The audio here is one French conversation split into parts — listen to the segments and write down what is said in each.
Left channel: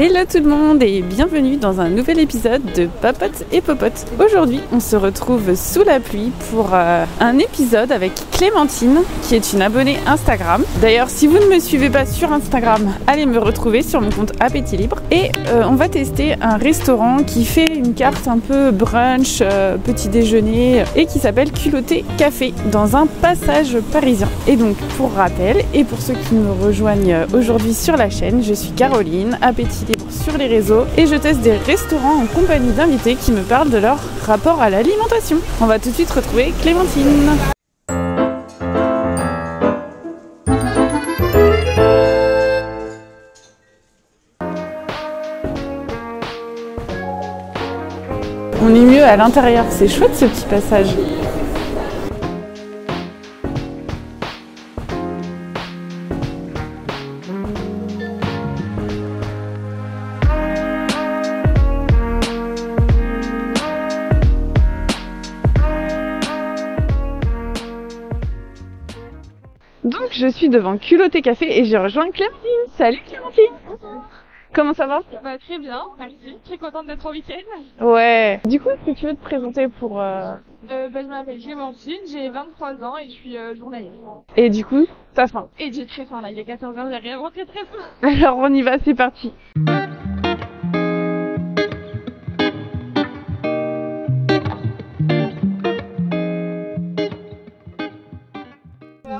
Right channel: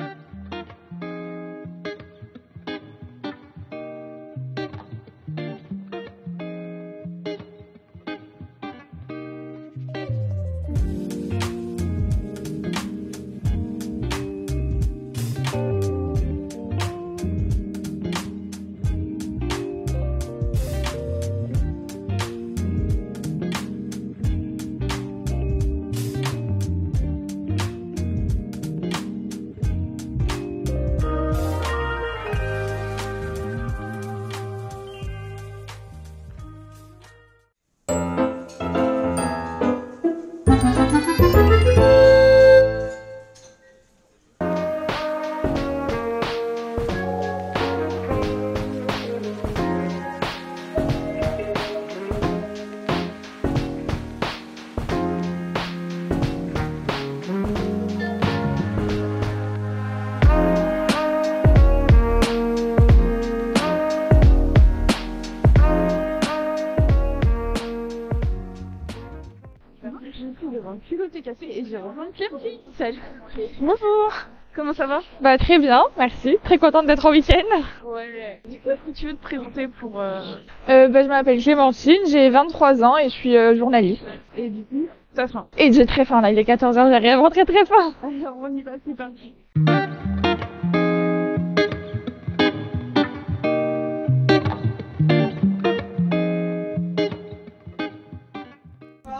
Hello tout le monde et bienvenue dans un nouvel épisode de Papote et Popote. Aujourd'hui, on se retrouve sous la pluie pour un épisode avec Clémentine, qui est une abonnée Instagram. D'ailleurs, si vous ne me suivez pas sur Instagram, allez me retrouver sur mon compte Appétit Libre. Et on va tester un restaurant qui fait une carte un peu brunch, petit déjeuner, et qui s'appelle Culotté Café, dans un passage parisien. Et donc, pour rappel, et pour ceux qui me rejoignent aujourd'hui sur la chaîne, je suis Caroline, Appétit Libre sur les réseaux, et je teste des restaurants en compagnie d'invités qui me parlent de leur rapport à l'alimentation. On va tout de suite retrouver Clémentine. On est mieux à l'intérieur, c'est chouette ce petit passage. Donc je suis devant Culotté Café et j'ai rejoint Clémentine. Salut Clémentine. Bonjour. Comment ça va? Bah très bien, merci. Très contente d'être en week-end. Ouais. Du coup, est-ce que tu veux te présenter pour... Je m'appelle Clémentine, j'ai 23 ans et je suis journaliste. Et du coup, t'as faim? Et j'ai très faim là, il est 14h, j'ai vraiment très faim. Alors on y va, c'est parti.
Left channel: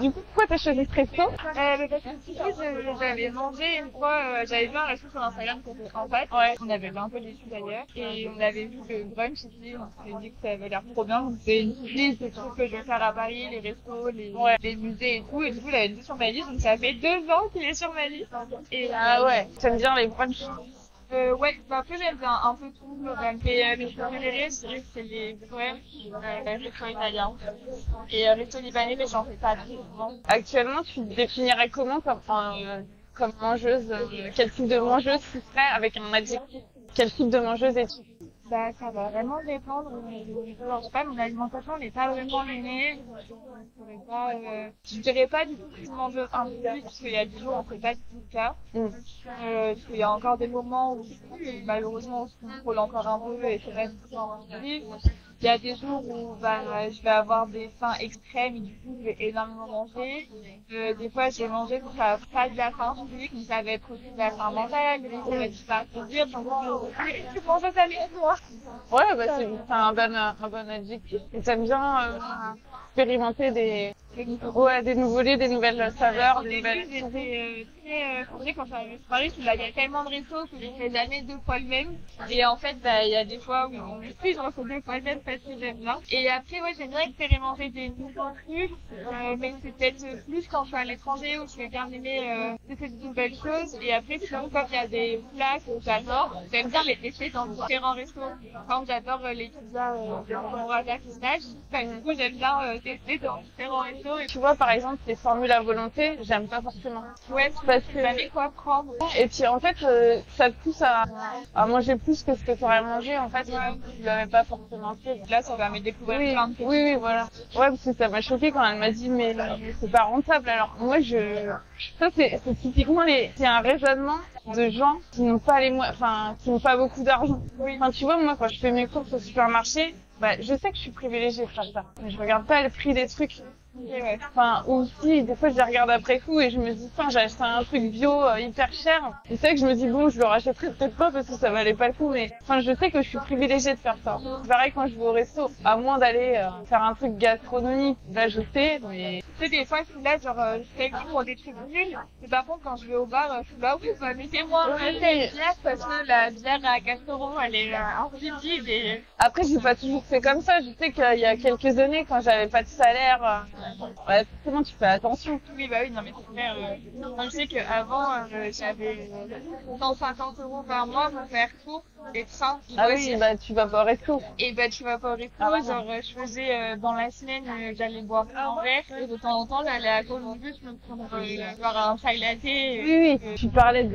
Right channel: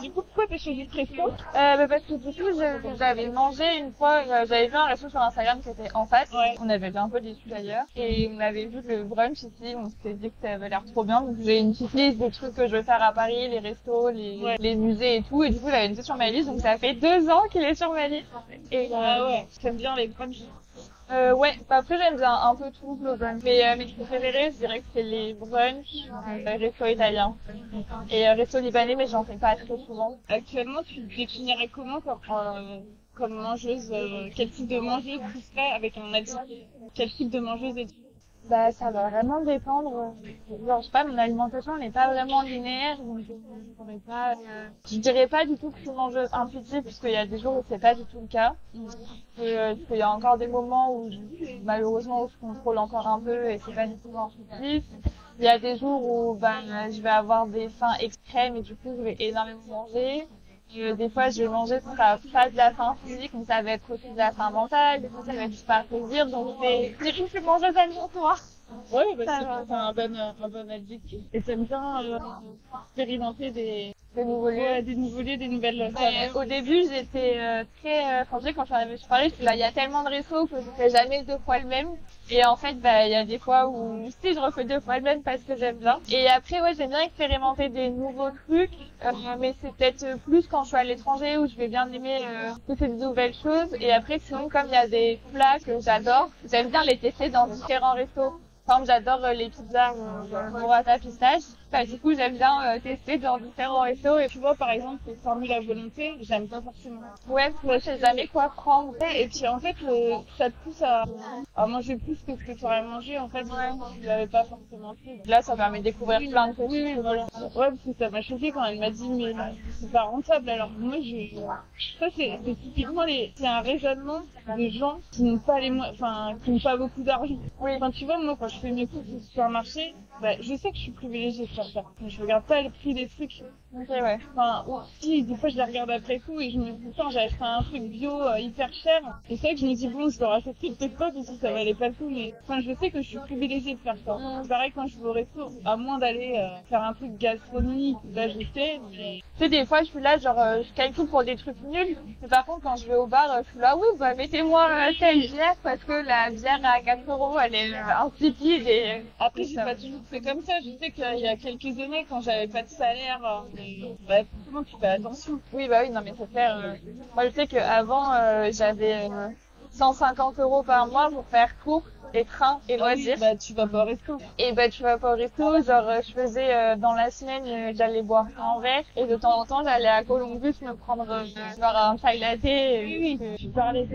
Du coup, pourquoi t'as choisi ce resto? Parce que du coup, j'avais mangé une fois, j'avais vu un resto sur Instagram qui était en face. Ouais. On avait vu un peu déçus d'ailleurs. Et on avait vu le brunch ici, on s'était dit que ça avait l'air trop bien. Donc j'ai une petite liste de trucs que je veux faire à Paris, les restos, les musées et tout. Et du coup, il avait été sur ma liste, donc ça fait 2 ans qu'il est sur ma liste. Et ouais, j'aime bien les brunchs. Ouais, bah après j'aime bien un peu tout globalement. Mais mes préférés, je dirais que c'est les brunchs, resto italien et resto libanais, mais j'en fais pas très souvent. Actuellement, tu te définirais comment comme mangeuse? Quel type de mangeuse tu serais avec un adjectif? Quel type de mangeuse es-tu? Bah, ça va vraiment dépendre. Genre, je sais pas, mon alimentation n'est pas vraiment linéaire, donc je dirais pas du tout que je suis mangeuse intuitive, parce qu'il y a des jours où c'est pas du tout le cas. Parce qu'il y a encore des moments où, malheureusement, où je contrôle encore un peu et c'est pas du tout intuitif. Il y a des jours où je vais avoir des faims extrêmes et du coup je vais énormément manger. Des fois je vais manger quand ça va pas de la faim physique, mais ça va être aussi de la faim mentale, ça va être juste par plaisir. Donc c'est une suis mangeuse avec toi. Ouais, bah c'est un bon adjectif. Et t'aimes bien expérimenter des nouveaux lieux, des nouvelles saveurs. Au début, j'étais très fragile quand je suis arrivée sur Paris. Il y a tellement de restos que je fais jamais 2 fois le même. Et en fait, il y a des fois où si je refais 2 fois le même parce que j'aime bien. Et après, ouais, j'aime bien expérimenter des nouveaux trucs. Mais c'est peut-être plus quand je suis à l'étranger où je vais bien aimer tester de nouvelles choses. Et après, sinon, comme il y a des plats que j'adore, j'aime bien les tester dans différents restos. Par exemple, j'adore les pizzas burrata pistache. Du coup, j'aime bien tester dans différents restos. Et tu vois, par exemple, les formules à volonté, j'aime pas forcément. Ouais, je sais jamais quoi prendre. Et puis, en fait, ça te pousse à manger plus que ce que tu aurais mangé. En fait, tu l'avais pas forcément fait. Là, ça permet de découvrir plein de choses. Oui, voilà. Ouais, parce que ça m'a choqué quand elle m'a dit, mais c'est pas rentable. Alors, moi, ça, c'est typiquement c'est un raisonnement de gens qui n'ont pas qui n'ont pas beaucoup d'argent. Oui. Enfin, tu vois, moi, quand je fais mes courses au supermarché, je sais que je suis privilégiée de faire ça. Mais je regarde pas le prix des trucs. Okay, ouais. Enfin, aussi, des fois, je les regarde après coup et je me dis, j'ai acheté un truc bio hyper cher. Et c'est vrai que je me dis, bon, je le rachèterai peut-être pas parce que ça valait pas le coup, mais je sais que je suis privilégiée de faire ça. C'est pareil quand je vais au resto, à moins d'aller faire un truc gastronomique, là, je sais, mais tu sais, des fois, je suis là, je calcule pour des trucs nuls. Mais par contre, quand je vais au bar, je suis là, oui, mettez-moi telle bière parce que la bière à 4 €, elle est insipide. Et après, j'ai pas toujours fait comme ça. Je sais qu'il y a quelques années, quand j'avais pas de salaire, ouais, forcément tu fais attention. Oui, non mais c'est clair. Moi je sais qu'avant j'avais 150 € par mois pour faire cours et train et loisirs. Tu vas pas au resto. Et tu vas pas au resto. Je faisais dans la semaine, j'allais boire un verre et de temps en temps j'allais à Columbus me prendre un chai latte. Oui. Tu parlais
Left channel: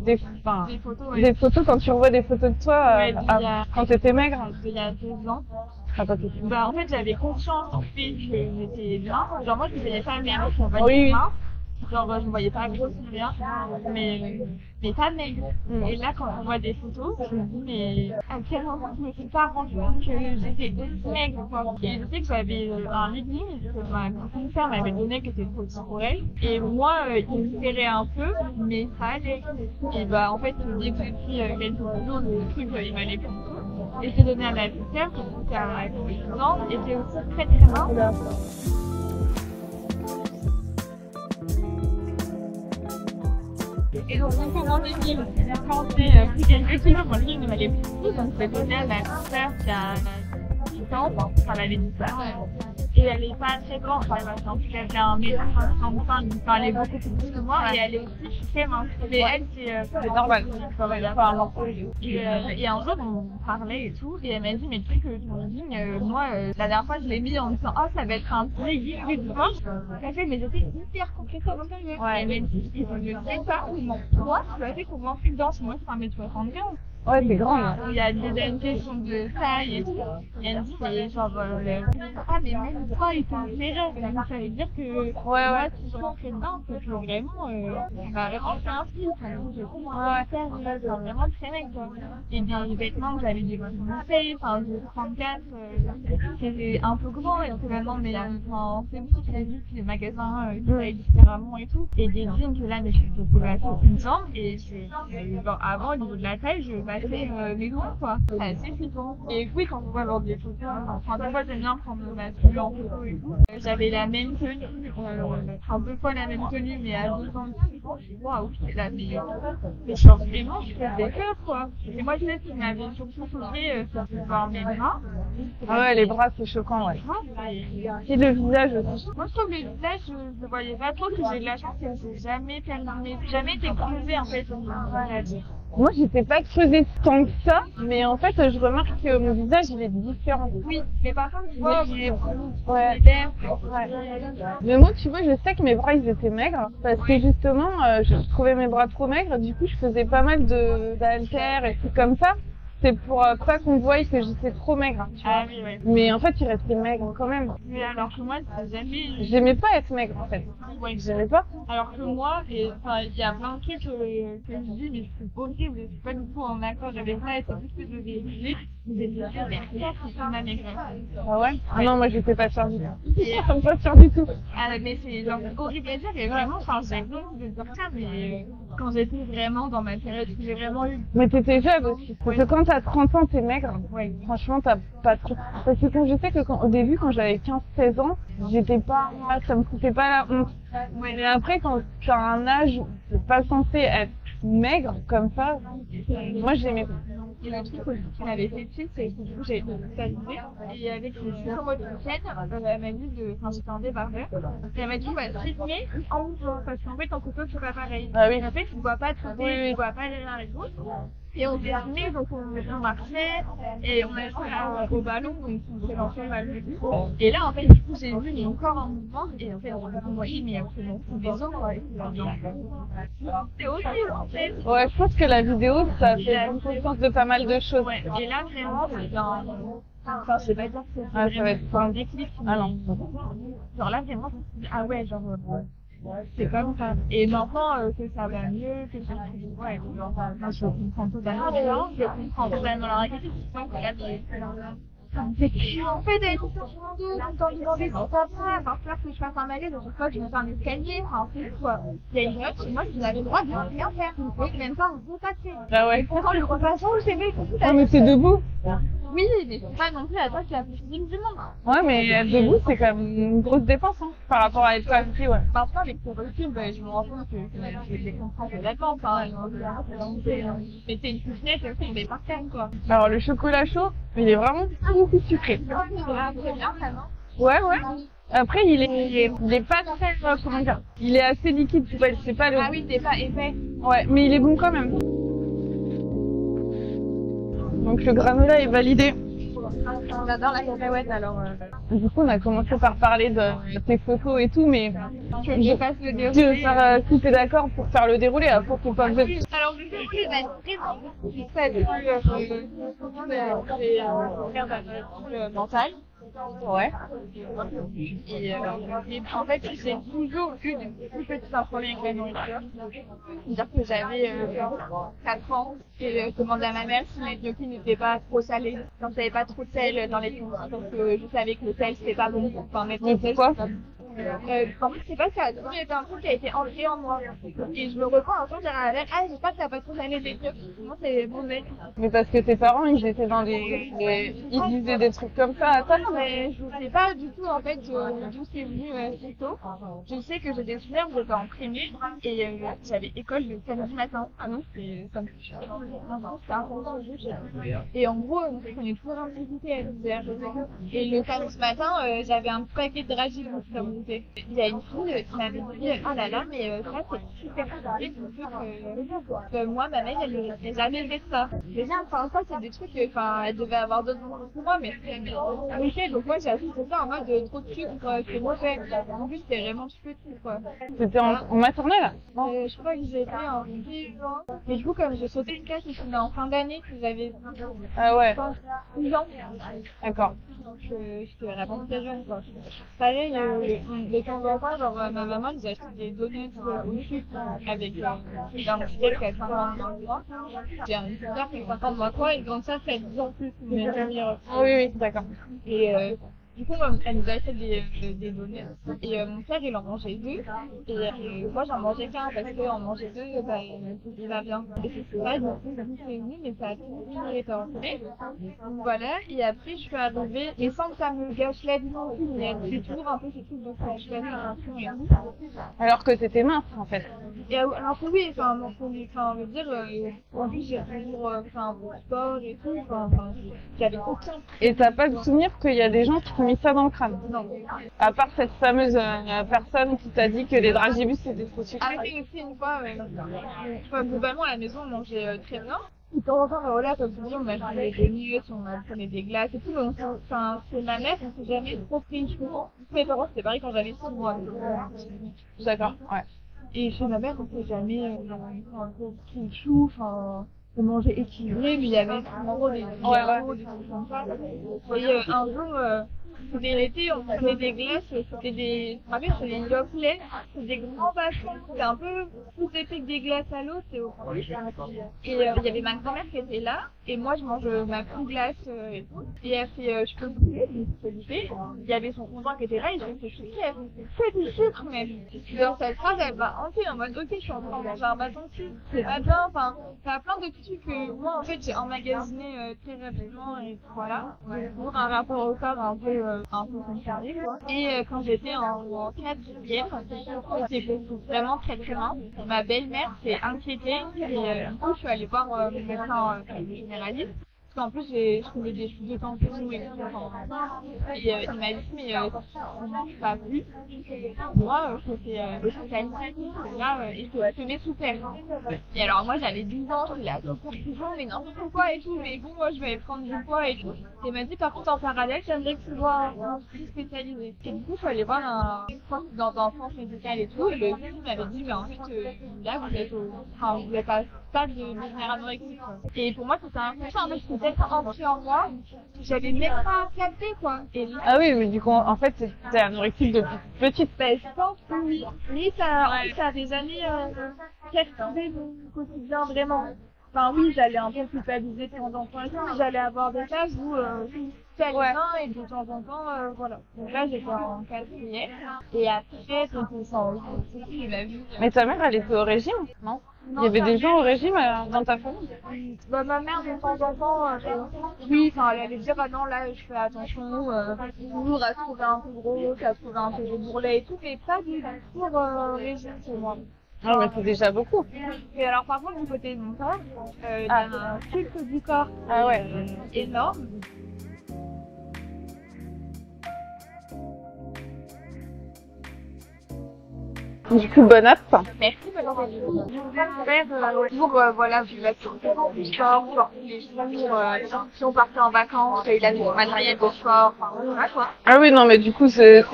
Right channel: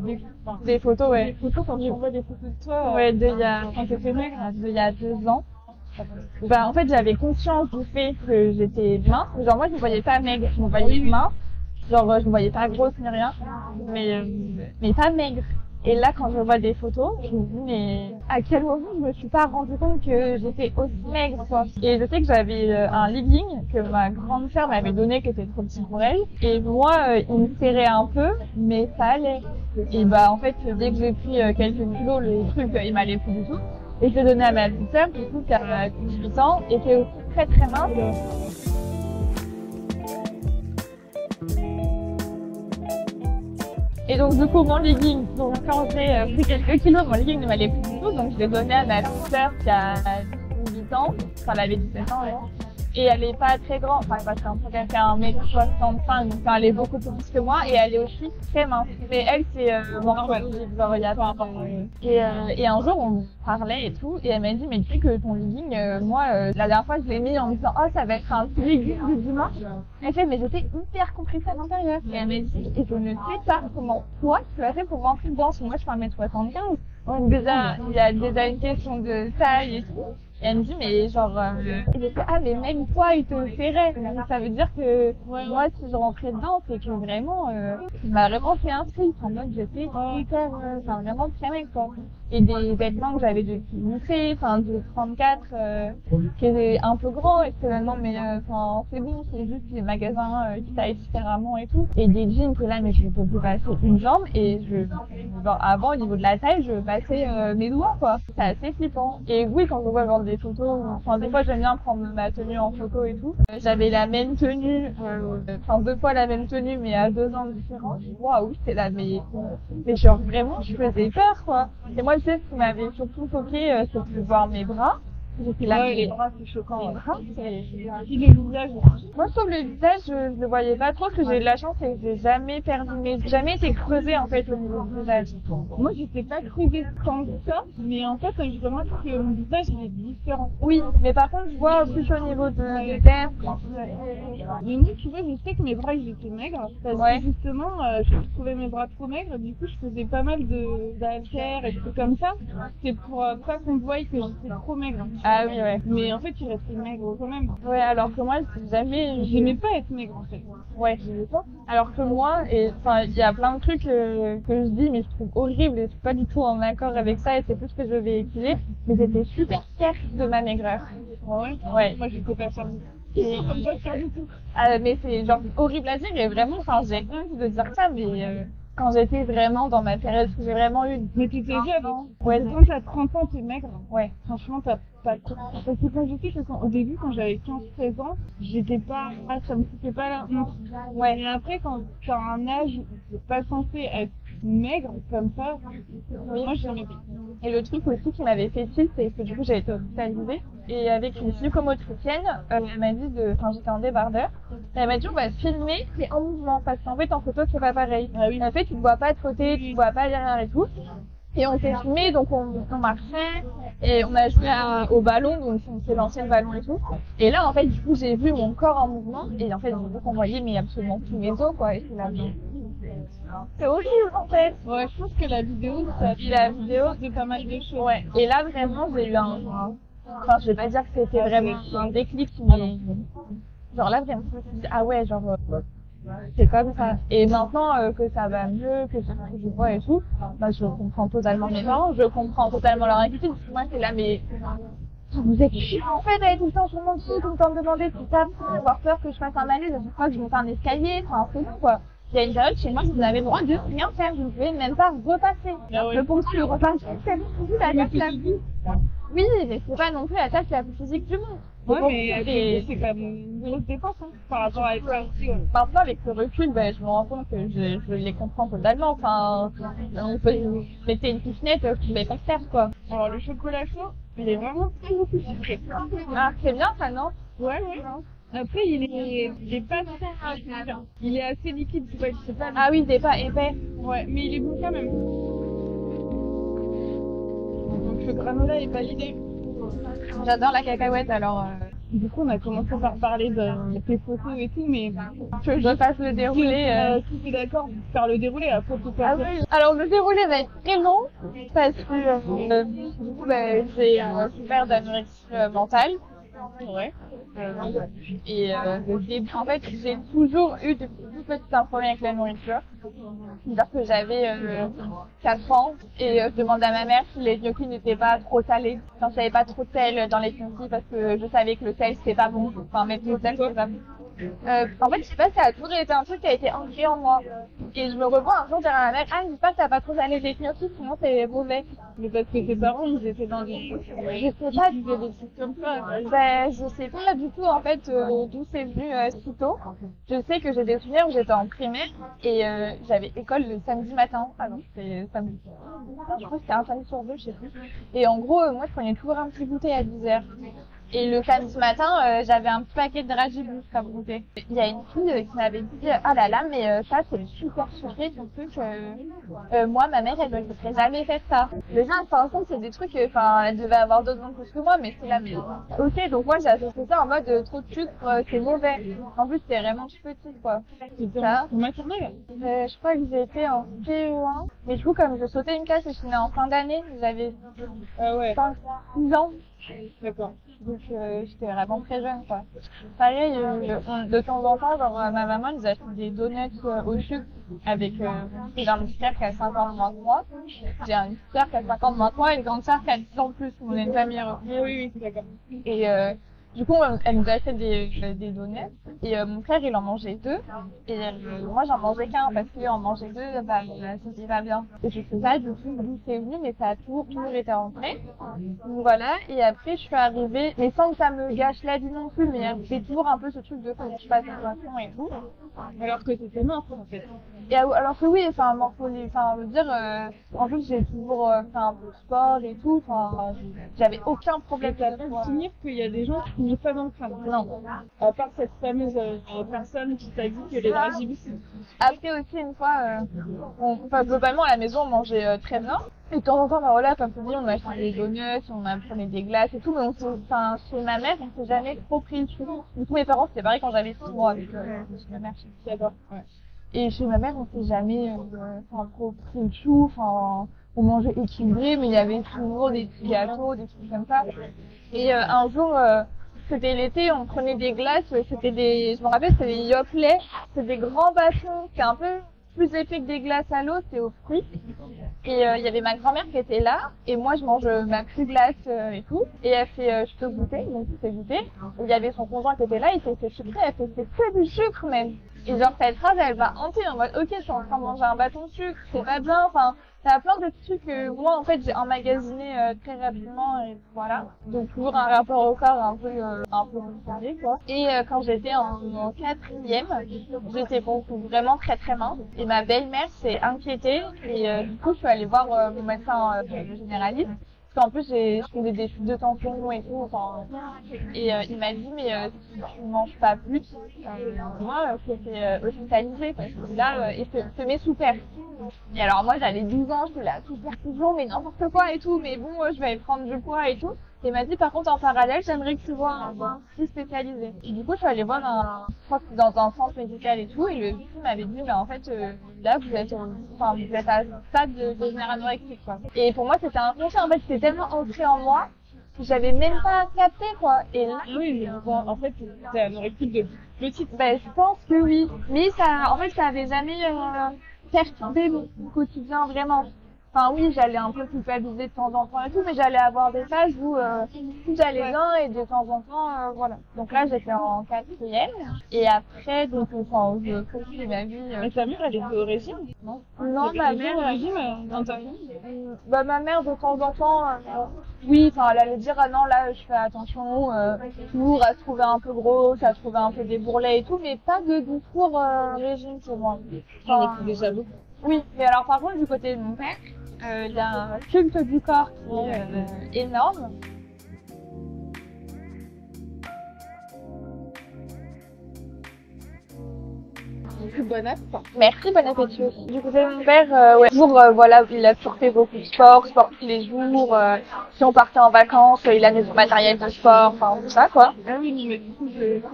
des photos, ouais. Des photos quand tu revois des photos de toi quand t'étais maigre. Il y a 2 ans. En fait, j'avais conscience du fait que j'étais mince. Genre, moi, je me voyais pas maigre, je me voyais mince. Genre, je me voyais pas grosse ni rien, mais pas maigre. Et là, quand je vois des photos, je me dis, mais à quel moment je me suis pas rendu compte que j'étais aussi maigre, quoi. Et je sais que j'avais un legging que ma grande sœur m'avait donné, qui était trop petit pour elle. Et moi, il me serrait un peu, mais ça allait. Et bah, en fait, dès que j'ai pris quelques kilos, le truc, il m'allait plus du tout. Et je l'ai donné à ma petite sœur, du coup, qui a 8 ans, et qui est aussi très très mince. Et donc du coup mon legging, quand j'ai pris quelques kilos, mon legging ne m'allait plus du tout, donc je l'ai donné à ma petite sœur qui a 18 ans, enfin elle avait 17 ans, et elle est pas très grande, enfin parce qu'en fait elle fait 1m65, donc elle est beaucoup plus petite que moi, et elle est aussi très mince. Mais elle c'est normal, il n'y a pas un morphologie. Et un jour on parlait et tout, et elle m'a dit mais tu sais que ton legging, moi la dernière fois je l'ai mis en me disant oh ça va être un petit legging du dimanche. Elle fait mais j'étais hyper compressée à l'intérieur. Et elle m'a dit et je ne sais pas comment toi tu as fait pour m'entrer dedans, moi je fais 1m75. Ouais, il y a déjà une question de taille et tout. Et elle me dit, mais genre, ah, mais même toi, il te serrait. Ça veut dire que, moi, si je rentrais dedans, c'est que vraiment, il m'a vraiment fait un style. En mode, j'étais hyper, enfin, vraiment très mec, quoi. Et des vêtements que j'avais de lycée, enfin, de 34, qui étaient un peu grands, et que maintenant, mais, enfin, c'est bon, c'est juste les magasins qui taillent différemment et tout. Et des jeans que là, mais je peux passer une jambe, et avant, au niveau de la taille, je passais mes doigts, quoi. C'est assez flippant. Et oui, quand on voit voir des photos, enfin, des fois, j'aime bien prendre ma tenue en photo et tout. J'avais la même tenue, enfin, 2 fois la même tenue, mais à 2 ans différents. Waouh, c'est là, mais genre, vraiment, je faisais peur, quoi. Et moi, je sais ce qui m'avait surtout choqué, c'est de voir mes bras. Ouais, les bras, c'est choquant, ouais. Et le visage aussi. Moi, je trouve le visage, je le voyais pas trop, parce que j'ai de la chance et j'ai jamais jamais été creusée, en fait, au niveau du visage. Moi, j'étais pas creusée tant que ça, mais en fait, je remarque que mon visage, il est différent. Oui, mais par contre, je vois plus au niveau des lèvres. Ouais. Mais moi, tu vois, je sais que mes bras, ils étaient maigres, parce que justement, je trouvais mes bras trop maigres, du coup, je faisais pas mal d'haltères et tout comme ça. C'est pour pas qu'on voie que j'étais trop maigre. Ah oui, ouais. Mais en fait, il restait maigre quand même. Ouais, alors que moi, j'aimais pas être maigre, en fait. Ouais, j'aimais pas. Alors que moi, enfin, il y a plein de trucs que je dis, mais je trouve horrible et je suis pas du tout en accord avec ça et c'est tout ce que je véhiculais. Mais j'étais super fière de ma maigreur. Ah ouais? Non, moi, j'étais pas fière du tout. Et pas fière du tout. Mais c'est genre horrible à dire et vraiment, enfin, j'ai honte de dire ça, mais quand j'étais vraiment dans ma période où j'ai vraiment eu. Mais t'étais jeune aussi. Parce que quand t'as 30 ans, t'es maigre. Ouais. Franchement, t'as pas trop. Parce que quand je sais que au début, quand j'avais 15-16 ans, j'étais pas, ça me foutait pas la honte. Ouais. Mais après, quand tu as un âge où t'es pas censé être maigre comme ça, moi j'aimais pas. Et le truc aussi qui m'avait fait tilt, c'est que du coup j'ai été hospitalisée et avec une psychomotricienne, elle m'a dit enfin j'étais en débardeur, elle m'a dit on va se filmer mais en mouvement parce qu'en fait en photo c'est pas pareil. Ah oui. En fait tu ne vois pas de côté, tu ne vois pas derrière et tout. Et on s'est filmé, donc on marchait et on a joué au ballon, donc c'est l'ancien ballon et tout. Et là, en fait, du coup, j'ai vu mon corps en mouvement et en fait, on voyait mais absolument tous mes os, quoi. C'est horrible, en fait. Ouais, je pense que la vidéo, ça fait la vidéo de pas mal de choses. Ouais. Et là, vraiment, j'ai eu enfin, je vais pas dire que c'était vraiment un déclic, mais genre là, vraiment, je me suis dit, ah ouais, genre... c'est comme ça. Et maintenant que ça va mieux, que je vois et tout, bah, je comprends totalement les gens, je comprends totalement leur inquiétude. Moi, c'est là, mais vous êtes chiant en fait, d'aller tout le temps sur mon dos, tout le temps me demander si ça va, avoir peur que je fasse un malaise à chaque fois que je me fais un escalier, enfin, c'est tout quoi. Il y a une période chez moi, je vous avais le droit de rien faire, vous ne pouvez même pas repasser. Ah ouais. Mais pourtant, le repassant, vous savez, tout ça. Mais c'est debout. Oui, mais c'est pas non plus la tâche la plus physique du monde. Ouais, mais debout, c'est quand même une grosse dépense par rapport à être assis, ouais. Maintenant, avec le recul, je me rends compte que je les comprends totalement. Enfin, on peut mettre une cuchinette, tomber par terre, quoi. Alors, le chocolat chaud, il est vraiment pas beaucoup sucré. Ah, c'est bien ça, non? Ouais. Après, il est pas très, comment dire, il est assez liquide, c'est pas le... Ah oui, c'est pas épais. Ouais, mais il est bon quand même. Donc le granola est validé. J'adore la cacahuète, alors... Du coup, on a commencé par parler de tes photos et tout, mais je passe le déroulé. Si t'es d'accord pour faire le déroulé, après faut pas... Oui. Alors le déroulé va être très long, parce que j'ai souffert d'anorexie mentale. Ouais. Et en fait, j'ai toujours eu depuis toute petite un problème avec la nourriture. C'est-à-dire que j'avais 4 ans et je demandais à ma mère si les gnocchis n'étaient pas trop salés. Enfin, je n'avais pas trop de sel dans les gnocchis parce que je savais que le sel c'était pas bon. Enfin, même le sel c'était pas bon. En fait, je sais pas, ça a toujours été un truc qui a été ancré en moi. Et je me revois un jour dire à ma mère, ah, j'espère que t'as pas trop salé tes gnocchis, sinon c'est mauvais. Mais parce que tes parents, ils étaient dans ils disaient des trucs comme ça. Ben, je sais pas du tout en fait d'où c'est venu si tôt. Je sais que j'ai des souvenirs où j'étais en primaire et j'avais école le samedi matin. Ah non, c'était samedi. Non, je crois que c'était un samedi sur deux, je sais plus. Et en gros, moi je prenais toujours un petit goûter à 10h. Et le samedi matin, j'avais un petit paquet de dragibus comme goûter. Il y a une fille qui m'avait dit ah là là, mais ça c'est super sucré ton truc. Moi, ma mère, elle ne me laisserait jamais faire ça. Déjà, enfin, ça c'est des trucs, enfin, elle devait avoir d'autres goûts que moi, mais c'est la même. Ok, donc moi j'ai associé ça en mode trop de sucre, c'est mauvais. En plus, c'était vraiment tout petit quoi. C'était en maternelle? Je crois que j'étais en CE1. Mais du coup, comme je sautais une classe et que j'étais en fin d'année, j'avais 6 ans. D'accord. Donc j'étais vraiment très jeune quoi. Pareil, de temps en temps, genre ma maman nous achetait des donuts au sucre avec j'ai un petit frère qui a 5 ans de moins que moi. J'ai un petit frère qui a 5 ans de moins que moi et une grande sœur qui a 10 ans de plus. On est une famille heureuse. Oui, d'accord. Et du coup, elle nous achetait des donuts et mon frère il en mangeait 2 et moi j'en mangeais qu'un parce qu'en manger 2, bah, ça s'y va bien. Et je sais pas, je me suis dit d'où c'est venu, mais ça a toujours été ancré. Donc voilà, et après je suis arrivée, mais sans que ça me gâche la vie non plus, mais j'ai toujours un peu ce truc de faut que je fasse attention et tout. Alors que t'étais mince en fait. Et alors que oui, enfin, je veux dire, en plus j'ai toujours fait un peu de sport et tout, enfin, j'avais aucun problème. Et t'as pas de souvenir qu'il y a des gens qui t'ont mis ça dans le crâne? Non. À part cette fameuse personne qui t'a dit que les dragibus c'était trop sucré. Après aussi une fois, globalement à la maison on mangeait très bien. Et de temps en temps, voilà, comme tu dis, on achetait des donuts, on prenait des glaces et tout, mais chez ma mère, on s'est jamais trop pris le chou. Du coup, mes parents, c'était pareil quand j'avais 6 mois avec chez ma mère. D'accord, ouais. Et chez ma mère, on s'est jamais trop pris le chou, enfin, on mangeait équilibré, mais il y avait toujours des petits gâteaux, des trucs comme ça. Et un jour, c'était l'été, on prenait des glaces, je me rappelle, c'était des Yoplait, c'était des grands bâtons, c'était un peu plus épais que des glaces à l'eau, c'est au fruit. Et il y avait ma grand-mère qui était là, et moi je mange ma plus glace et tout. Et elle fait, je peux goûter, donc c'est goûté. Il y avait son conjoint qui était là, il fait, c'est sucré, elle fait, c'est que du sucre, mais. Et dans cette phrase, elle va hanter en mode, ok, je suis en train de manger un bâton de sucre, c'est pas bien, enfin, il y a plein de petits trucs que moi en fait j'ai emmagasiné très rapidement, et voilà. Donc toujours un rapport au corps un peu compliqué, quoi. Et quand j'étais en 4e, j'étais vraiment très très mince. Et ma belle-mère s'est inquiétée et du coup je suis allée voir mon médecin généraliste. Parce qu'en plus je faisais des chutes de tension et tout. Et il m'a dit mais si tu ne manges pas plus, demain il faut t'es hospitalisé parce que là il te met sous père. Et alors moi j'avais 12 ans, je suis là, sous perfusion, mais n'importe quoi et tout, mais bon je vais prendre du poids et tout. Et il m'a dit par contre en parallèle j'aimerais que tu vois un psy spécialisé. Et du coup je suis allée voir dans un centre médical et tout, et le psy m'avait dit mais en fait là vous êtes à ce stade de devenir anorexique quoi. Et pour moi c'était inconscient, en fait c'était tellement ancré en moi que j'avais même pas capté quoi. Et là, ah oui, mais du coup en fait c'était anorexique depuis petite. Ben je pense que oui, mais ça en fait ça avait jamais perturbé mon quotidien vraiment. Enfin oui, j'allais un peu culpabiliser de temps en temps et tout, mais j'allais avoir des phases où tout allait bien et de temps en temps, voilà. Donc là, j'étais en 4e et après, donc je poursuis ma vie. Mais ta mère, elle était au régime? Non. Il y avait des gens au régime dans ta famille? Bah ma mère, de temps en temps, oui, enfin elle allait dire ah non là je fais attention, toujours à se trouver un peu grosse, à se trouver un peu des bourrelets et tout, mais pas de discours régime sur moi. Ah mais c'est déjà beaucoup. Oui, mais alors par contre du côté de mon père, il y a un culte du corps énorme. Du coup, bon app. Merci, bon appétit. Du coup, mon père, toujours, voilà, il a toujours fait beaucoup de sport tous les jours. Si on partait en vacances, il avait son matériel de sport, enfin tout ça, quoi. Ah oui, non, mais du coup, c'est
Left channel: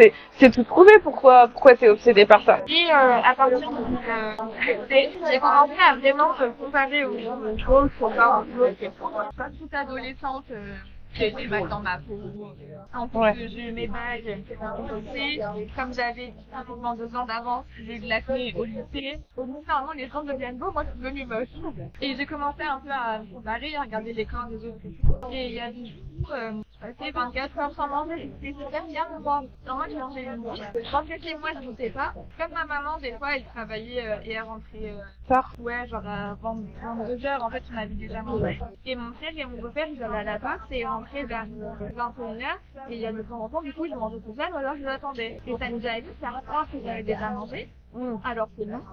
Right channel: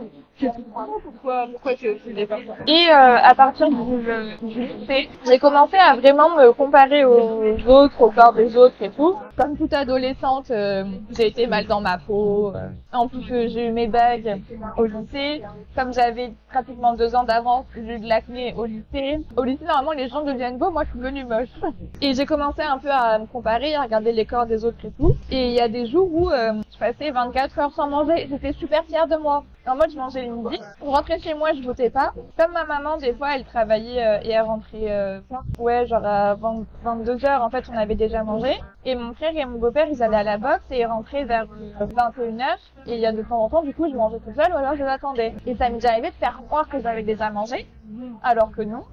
c'est tout trouvé pourquoi t'es obsédée par ça. Et à partir du lycée, j'ai commencé à vraiment me comparer aux autres, au corps des autres et tout. Comme toute adolescente, j'ai été mal dans ma peau. En plus, j'ai eu mes bagues au lycée. Comme j'avais pratiquement 2 ans d'avance, j'ai eu de l'acné au lycée. Au lycée, normalement, les gens deviennent beaux. Moi, je suis devenue moche. Et j'ai commencé un peu à me comparer, à regarder les corps des autres et tout. Et il y a des jours où je passais 24 heures sans manger. J'étais super fière de moi. En mode, je mangeais le midi. Je rentrais chez moi, je votais pas. Comme ma maman, des fois, elle travaillait et elle rentrait tard. Ouais, genre à 22 heures, en fait, on avait déjà mangé. Et mon frère et mon beau-père, ils allaient à la boxe et ils rentraient vers 21 heures. Et il y a de temps en temps, du coup, je mangeais tout seul ou alors je les attendais. Et ça m'est déjà arrivé de faire croire que j'avais déjà mangé, alors que non.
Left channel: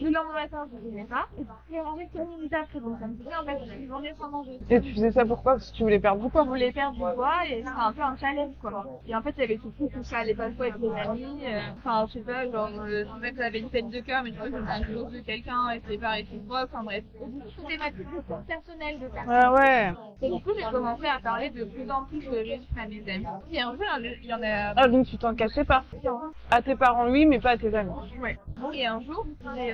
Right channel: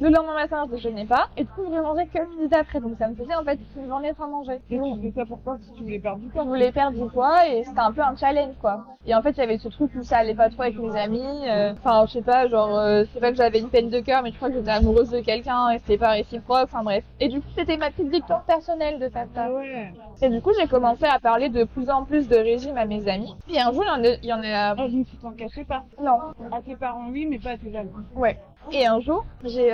Le lendemain matin, je déjeunais pas. Et du coup, je mangeais que midi d'après. Donc ça me faisait en fait une journée sans manger. Et tu faisais ça pourquoi? Parce que tu voulais perdre du poids? Je voulais perdre du poids et c'était un peu un challenge, quoi. Et en fait, il y avait ce truc où ça allait pas trop avec mes amis. Enfin, je sais pas, genre, c'est pas que j'avais une peine de cœur, mais je crois que j'étais amoureuse de quelqu'un et c'était pas réciproque. Enfin bref. Et du coup, c'était ma petite victoire personnelle de faire ça. Ah ouais. Et du coup, j'ai commencé à parler de plus en plus de régime à mes amis. Puis un jour, il y en a... Ah, donc tu t'en cachais pas? Non. À tes parents, oui, mais pas à tes amis. Ouais. Et un jour, j'ai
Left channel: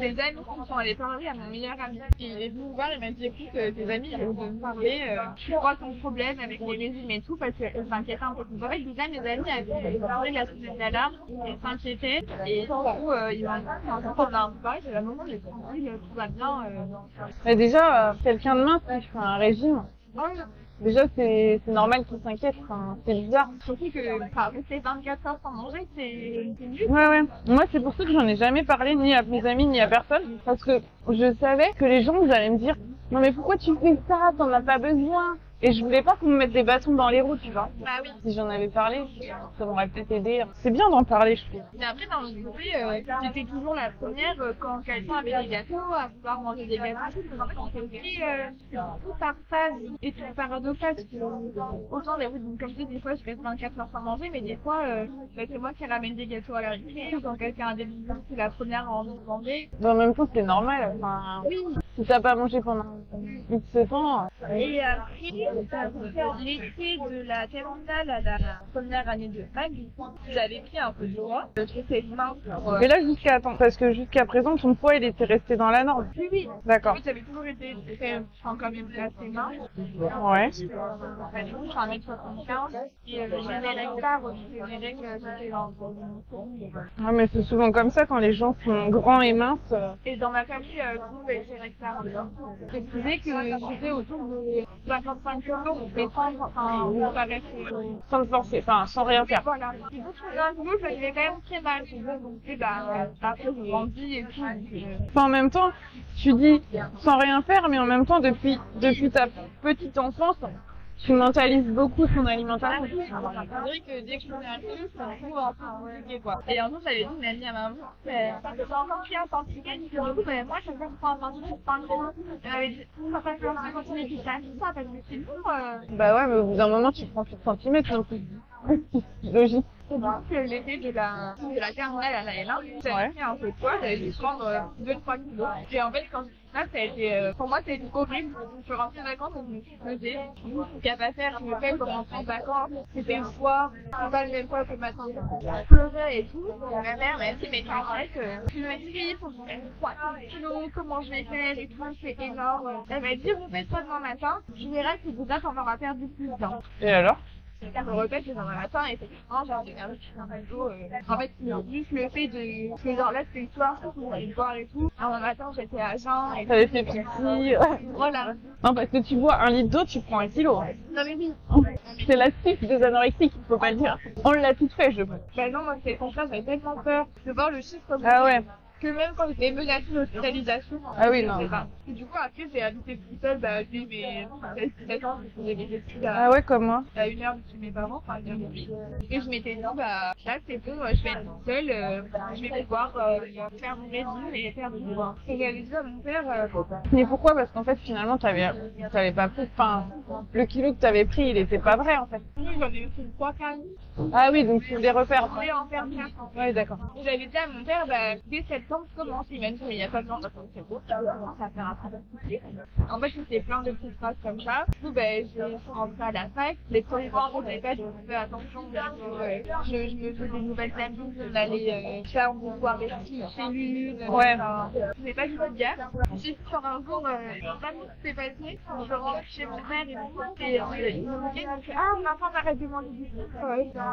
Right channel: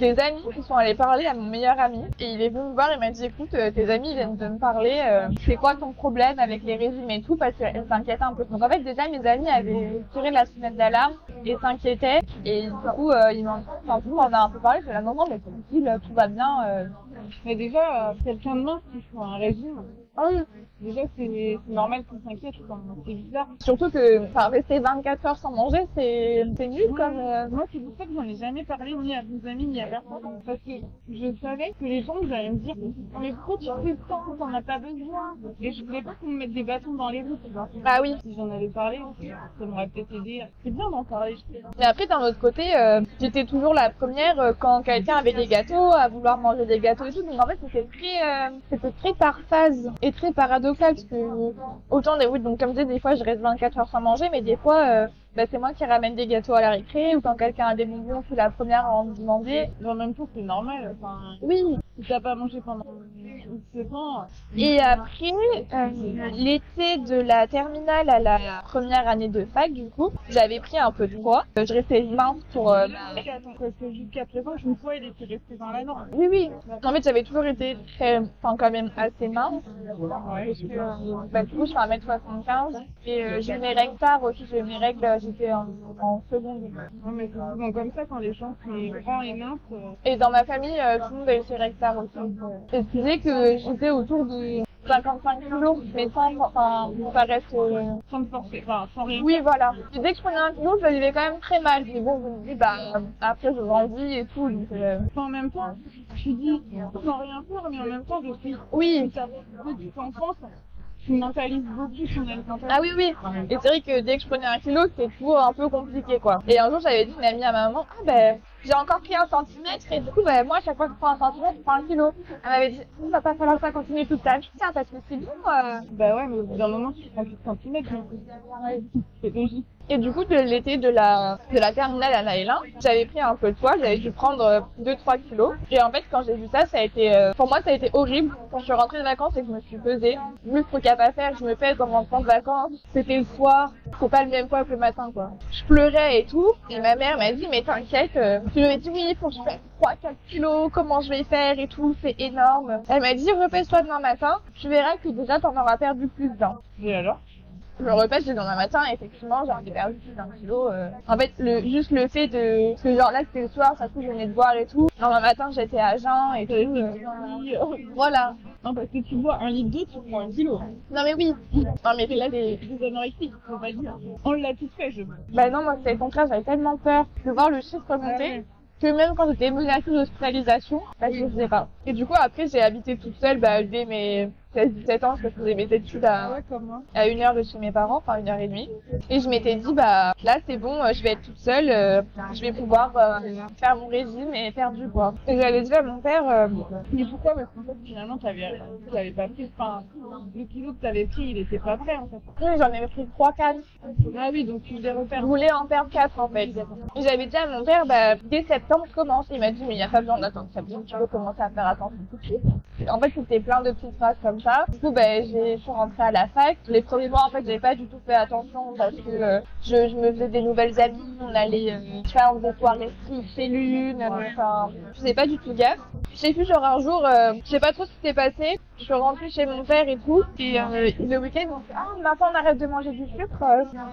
des amis qui sont allés parler à mon meilleur ami. Et il est venu me voir et m'a dit, écoute, tes amis viennent de me parler. C'est quoi ton problème avec les régimes et tout? Parce qu'elle s'inquiétait un peu. Donc en fait, déjà, mes amis avaient tiré la sonnette d'alarme et s'inquiétaient. Et du coup, ils m'en ont un peu parlé. Je suis là, non, mais tranquille, tout va bien. Mais déjà, quelqu'un de mince qui fait un régime, déjà c'est normal qu'il s'inquiète, enfin, c'est bizarre. Surtout que rester 24 heures sans manger, c'est nul. Ouais. Moi, c'est pour ça que j'en ai jamais parlé ni à mes amis ni à personne. Parce que je savais que les gens, vous allaient me dire non mais pourquoi tu fais ça, t'en as pas besoin. Et je voulais pas qu'on me mette des bâtons dans les roues, tu vois. Ah oui. Si j'en avais parlé, ça m'aurait peut-être aidé. C'est bien d'en parler, je trouve. Mais après, d'un autre côté, j'étais toujours la première quand quelqu'un avait des gâteaux, à vouloir manger des gâteaux et tout. Donc en fait, c'était très par phase et très paradoxal. Parce que autant donc comme je disais, des fois je reste 24 heures sans manger, mais des fois c'est moi qui ramène des gâteaux à la récré, ou quand quelqu'un a des bonbons, je suis la première à en demander. Mais en même temps, c'est normal. Enfin, oui. Si t'as pas mangé pendant X temps. Et après, l'été de la terminale à la première année de fac, du coup, j'avais pris un peu de poids. Je restais mince pour. Mais là, parce que jusqu'à présent, ton poids, il était resté dans la norme. Oui. D'accord. En fait, j'avais toujours été quand même assez mince. Ouais. Du coup, je fais 1m75 et j'ai mes règles tard aussi. J'ai mes règles, j'étais en seconde. Ah, mais c'est souvent comme ça quand les gens sont grands et minces. Et dans ma famille, tout le monde a eu ses règles tard aussi. Et je disais que j'étais autour de 55 kilos, mais ça reste sans te forcer, enfin sans rien faire. Oui, voilà. Et dès que je prenais un kilo, je le vivais quand même très mal. Mais bon, je me dis, après je grandis et tout. Enfin, en même temps, tu dis sans rien faire, mais en même temps, depuis ta petite enfance, tu mentalises beaucoup son alimentation. Ah oui. Et c'est vrai que dès que je prenais 1 kilo, c'était toujours un peu compliqué, quoi. Et un jour, j'avais dit une amie à ma maman, j'ai encore pris 1 centimètre, et du coup, moi, à chaque fois que je prends 1 centimètre, je prends 1 kilo. Elle m'avait dit, ça va pas falloir que ça continue toute ta vie, ça, parce que c'est bon. Bah ouais, mais au bout d'un moment, tu prends plus de centimètres, non plus. C'est logique. Et du coup, de l'été de la terminale à la L1, j'avais pris un peu de poids, j'avais dû prendre 2-3 kilos. Et en fait, quand j'ai vu ça, ça a été, pour moi, ça a été horrible. Quand je suis rentrée de vacances et que je me suis pesée, le truc à pas faire, je me pèse en rentrant de vacances. C'était le soir, c'est pas le même poids que le matin, quoi. Je pleurais et tout. Et ma mère m'a dit, mais t'inquiète, je lui ai dit, oui, il faut que je fasse 3-4 kilos, comment je vais faire et tout, c'est énorme. Elle m'a dit, repèse-toi demain matin, tu verras que déjà t'en auras perdu plus d'un. Et alors? Je repèse le lendemain matin et effectivement j'ai perdu plus d'1 kilo. En fait, juste le fait de... Parce que genre là c'était le soir, ça se trouve je venais de boire et tout. Le lendemain matin j'étais à jeun et t'avais fait pipi. Voilà. Non, parce que tu bois 1 litre d'eau, tu prends 1 kilo. Non mais oui. Non, mais c'est la trique des anorexiques, faut pas le dire. On l'a tout fait, je pense. Bah non, moi c'est le contraire, j'avais tellement peur de voir le chiffre monter. Ah ouais. Que même quand j'étais menacée d'hospitalisation, je ne faisais pas. Et du coup, après, j'ai habité toute seule dès mes 16-17 ans, parce que je faisais mes études à 1 heure de chez mes parents, enfin 1h30. Et je m'étais dit, là, c'est bon, je vais être toute seule, je vais pouvoir faire mon régime et faire du poids. Et j'avais dit à mon père, mais pourquoi? Parce qu'en fait, finalement, t'avais pas pris, le kilo que t'avais pris, il était pas vrai, en fait. Oui, j'en avais pris 3-4. Ah oui, donc tu voulais refaire. Je voulais en perdre 4, en fait. Oui, d'accord. Et j'avais dit à mon père, dès septembre, je commence. Il m'a dit, mais il n'y a pas besoin d'attendre septembre, tu peux commencer à faire attention tout de suite. En fait, c'était plein de petites phrases comme ça. Du coup, je suis rentrée à la fac. Les premiers mois, en fait, j'avais pas du tout fait attention parce que je me faisais des nouvelles amies. On allait faire des soirées chez l'une. Enfin, je faisais pas du tout gaffe. J'ai vu genre un jour, je sais pas trop ce qui s'est passé. Je suis rentrée chez mon père et tout. Et le week-end, on me dit ah, maintenant on arrête de manger du sucre.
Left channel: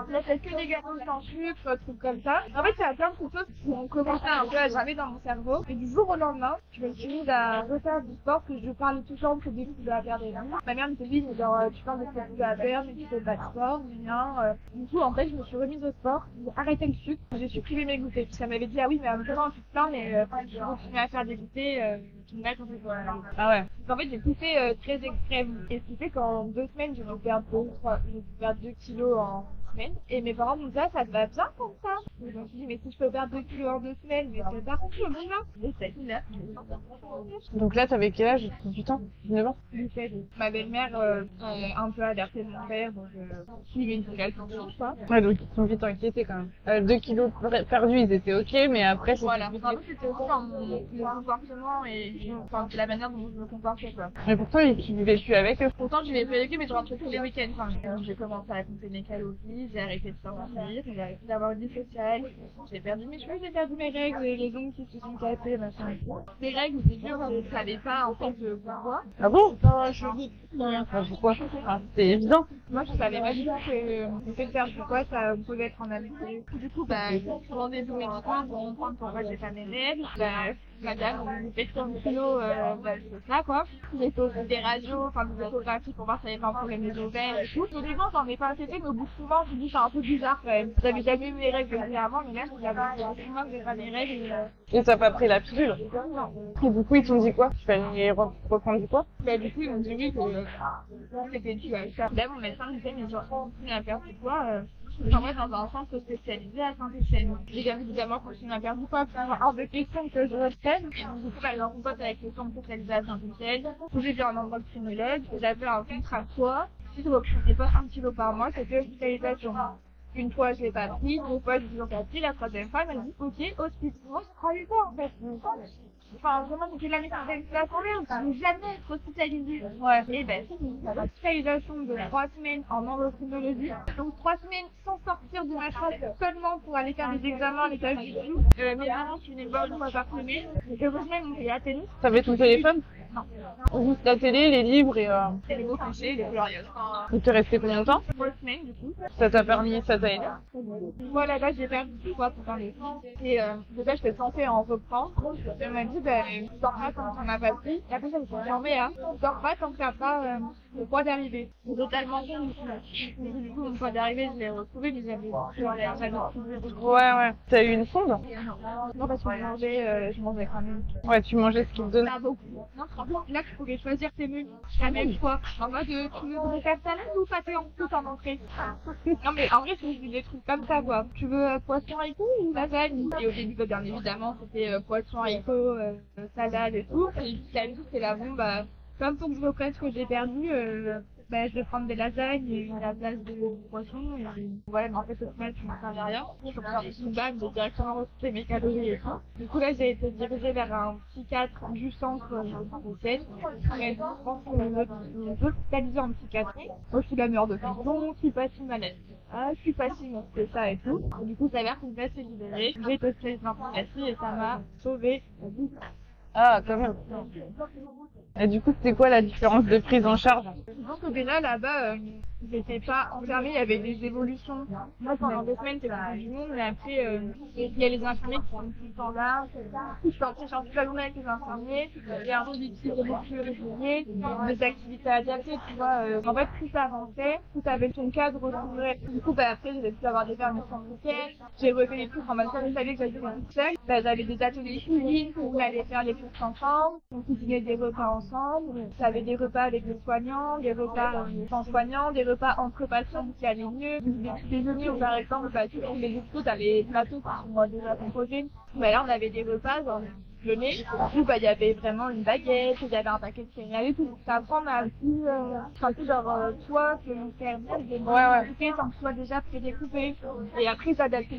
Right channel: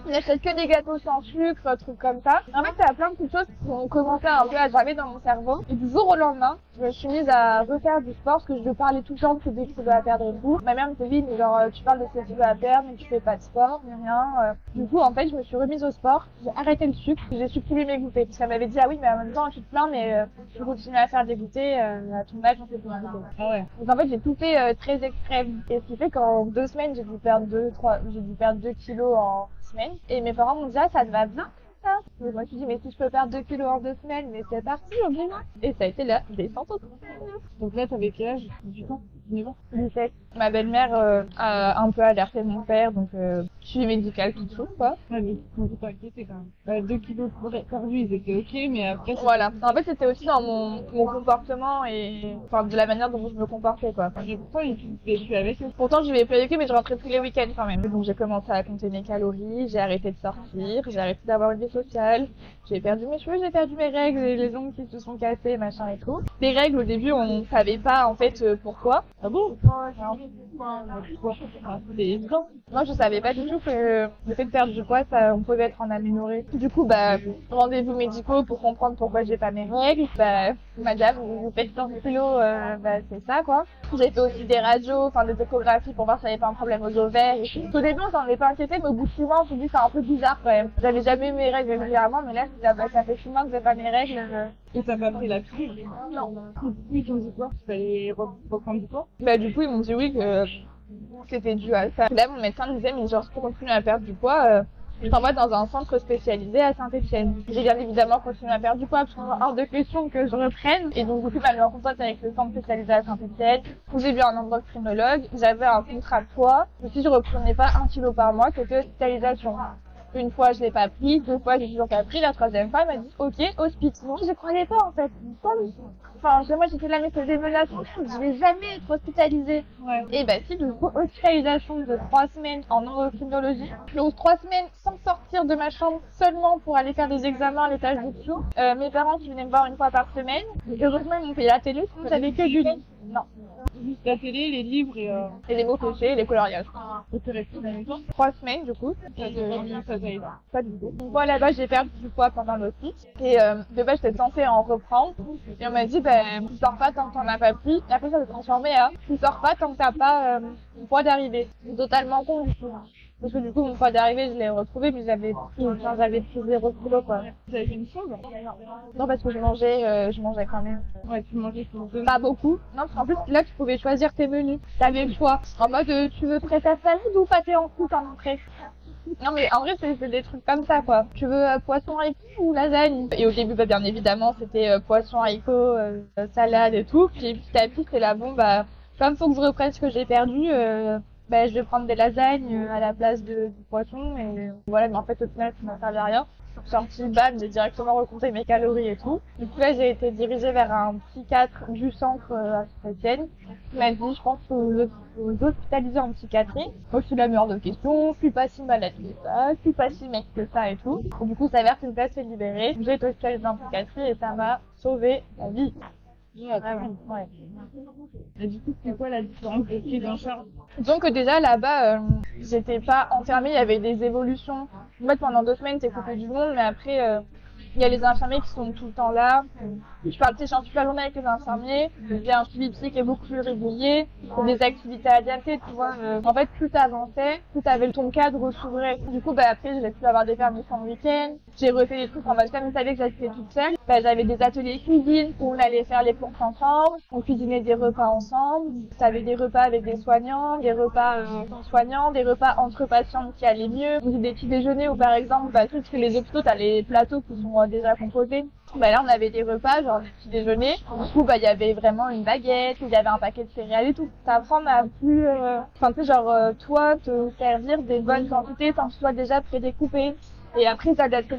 On n'achète que des gâteaux sans sucre, trucs comme ça. En fait, ça a plein de petites choses qui ont commencé un peu à germer dans mon cerveau. Et du jour au lendemain, je me suis mise à refaire du sport parce que je parlais tout le temps de des kilos à perdre et tout. Ma mère me dit oui, mais genre tu parles de ces kilos à perdre, mais tu fais pas de sport, ni rien. Du coup, en fait, je me suis remise au sport. J'ai arrêté le sucre, j'ai supprimé mes goûters. Parce qu'elle m'avait dit ah oui, mais en même temps tu te plains, mais tu continues à faire des goûters à ton âge, on fait quoi. Ah ouais. Donc en fait, j'ai tout fait très extrême. Et ce qui fait qu'en 2 semaines, j'ai dû perdre 2 kilos en semaine. Et mes parents m'ont dit ah, ça te va bien comme ça. Et moi je me suis dit mais si je peux perdre 2 kilos en 2 semaines, mais c'est parti, on y va. Et ça a été la descente au Donc là, t'avais quel âge? 18 ans? 19 ans? 17. Ma belle-mère a un peu alerté mon père, donc suivi médical tout de suite quoi. Ouais, donc ils sont vite inquiétés quand même. 2 kilos perdus, ils étaient ok, mais après... Voilà. En fait, c'était aussi dans mon comportement et enfin, de la manière dont je me comportais quoi. Mais pourtant, tu vivais plus avec eux. Pourtant, je vivais plus avec eux, mais je rentrais tous les week-ends quand même. Donc j'ai commencé à compter mes calories, j'ai arrêté de sortir, j'ai arrêté d'avoir une vie sociale, j'ai perdu mes cheveux, j'ai perdu mes règles, les ongles qui se sont cassés, machin et tout. Les règles, au début, on savait pas en fait pourquoi. Ah bon? Pourquoi? C'est évident. Moi, je savais pas du tout que le fait de perdre du poids, ça, on pouvait être en amélioré. Du coup, rendez-vous médicaux pour comprendre pourquoi j'ai pas mes règles. Madame, vous faites plein de kilos, c'est ça, quoi. J'ai fait aussi des radios, enfin des échographies pour voir si j'avais pas un problème aux ovaires et tout. Au début, j'en ai pas inquiété, mais au bout de 6 mois, on s'est dit c'est un peu bizarre quand même. J'avais jamais eu mes règles régulièrement, mais là, ça fait 6 mois que j'ai pas mes règles. Et t'as pas pris la pilule? Non. Et du coup, ils t'ont dit quoi? Tu fallait reprendre du poids? Du coup, ils m'ont dit oui, que c'était dû à ça. Là, mon médecin me disait, mais genre, si on continue à perdre du poids, je t'envoie dans un centre spécialisé à Saint-Etienne. J'ai bien évidemment continué à perdre du poids, parce qu'il y a hors de question que je reprenne. Et donc, du coup, il m'a mis en contact avec le centre spécialisé à Saint-Etienne, où j'ai vu un endocrinologue. J'avais un contrat de poids. Et si je reprenais pas 1 kilo par mois, c'était hospitalisation. Une fois, je l'ai pas pris, 2 fois, j'ai toujours pas pris. La 3e fois, elle m'a dit, ok, hospice. Moi, je croyais pas, en fait. Enfin, moi, j'étais là, mais c'est des menaces. Merde, je vais jamais être hospitalisée. Ouais. Et si, du coup, hospitalisation de 3 semaines en endocrinologie. Donc, 3 semaines sans sortir de ma chambre, seulement pour aller faire des examens à l'étage du dessous. Mes parents qui venaient me voir 1 fois par semaine. Et heureusement, ils m'ont payé la télé. T'avais ton téléphone? Non. Juste la télé, les livres et les mots fléchés et les coloriages. Et t'es resté combien de temps? 3 semaines, du coup. Ça t'a aidé? Pas du tout. Moi, là-bas, j'ai perdu du poids pendant l'office. Et de base, j'étais censée en reprendre. Et on m'a dit, tu sors pas tant que t'en as pas pris. Et après, ça s'est transformé à, tu sors pas tant que t'as pas le poids d'arrivée. C'est totalement con. Parce que du coup, mon poids d'arrivée, je l'ai retrouvé, mais j'avais tout retrouvé. Ouais. T'as eu une sonde? Non, parce que je mangeais quand même. Ouais, tu mangeais ce qu'ils te donnaient. Pas beaucoup. Non, parce qu'en plus, là, tu pouvais choisir tes menus. T'avais le choix. En mode, tu veux préférer salade ou pâté en croûte en entrée? Non, mais en vrai, c'est des trucs comme ça, quoi. Tu veux poisson haricot ou lasagne? Et au début, bien évidemment, c'était poisson haricot, salade et tout. Puis petit à petit, c'est là, comme faut que je reprenne ce que j'ai perdu, je vais prendre des lasagnes à la place de poisson. Et voilà, mais en fait, au final, ça m'en servait à rien. Je suis sortie, j'ai directement recompté mes calories et tout. Du coup, là, j'ai été dirigée vers un psychiatre du centre à Saint-Etienne. Il m'a dit, je pense que vous hospitalisez en psychiatrie. Moi, je suis la meilleure de questions. Je suis pas si malade que ça. Je suis pas si mec que ça et tout. Et du coup, ça s'avère qu'une place est libérée. J'ai été hospitalisée en psychiatrie et ça m'a sauvé la vie. Ah, très bien. Ouais. Et du coup, c'était quoi la différence de prise en charge? Donc déjà là-bas, j'étais pas enfermée, il y avait des évolutions. En fait, pendant 2 semaines, t'es coupé du monde, mais après, il y a les infirmiers qui sont tout le temps là. Je parle toute la journée avec les infirmiers. Il y a un suivi psy qui est beaucoup plus régulier. Pour des activités adiacentes, tu vois. En fait, plus t'avançais, plus t'avais ton cadre s'ouvrait. Du coup, après, j'ai pu avoir des permissions le week-end. J'ai refait des trucs en mode, comme je savais que j'étais toute seule. J'avais des ateliers cuisine où on allait faire les courses ensemble. On cuisinait des repas ensemble. T'avais des repas avec des soignants, des repas sans soignants, des repas entre patients qui allaient mieux. Des petits déjeuners où, par exemple, tous les hôpitaux, t'as les plateaux qui sont déjà composés. Bah là, on avait des repas, genre des petits déjeuners. Du coup, bah, il y avait vraiment une baguette, il y avait un paquet de céréales et tout. Ça apprend à plus, enfin, tu sais, genre, toi, te servir des bonnes quantités sans que ce soit déjà prédécoupé. Et après, t'adapter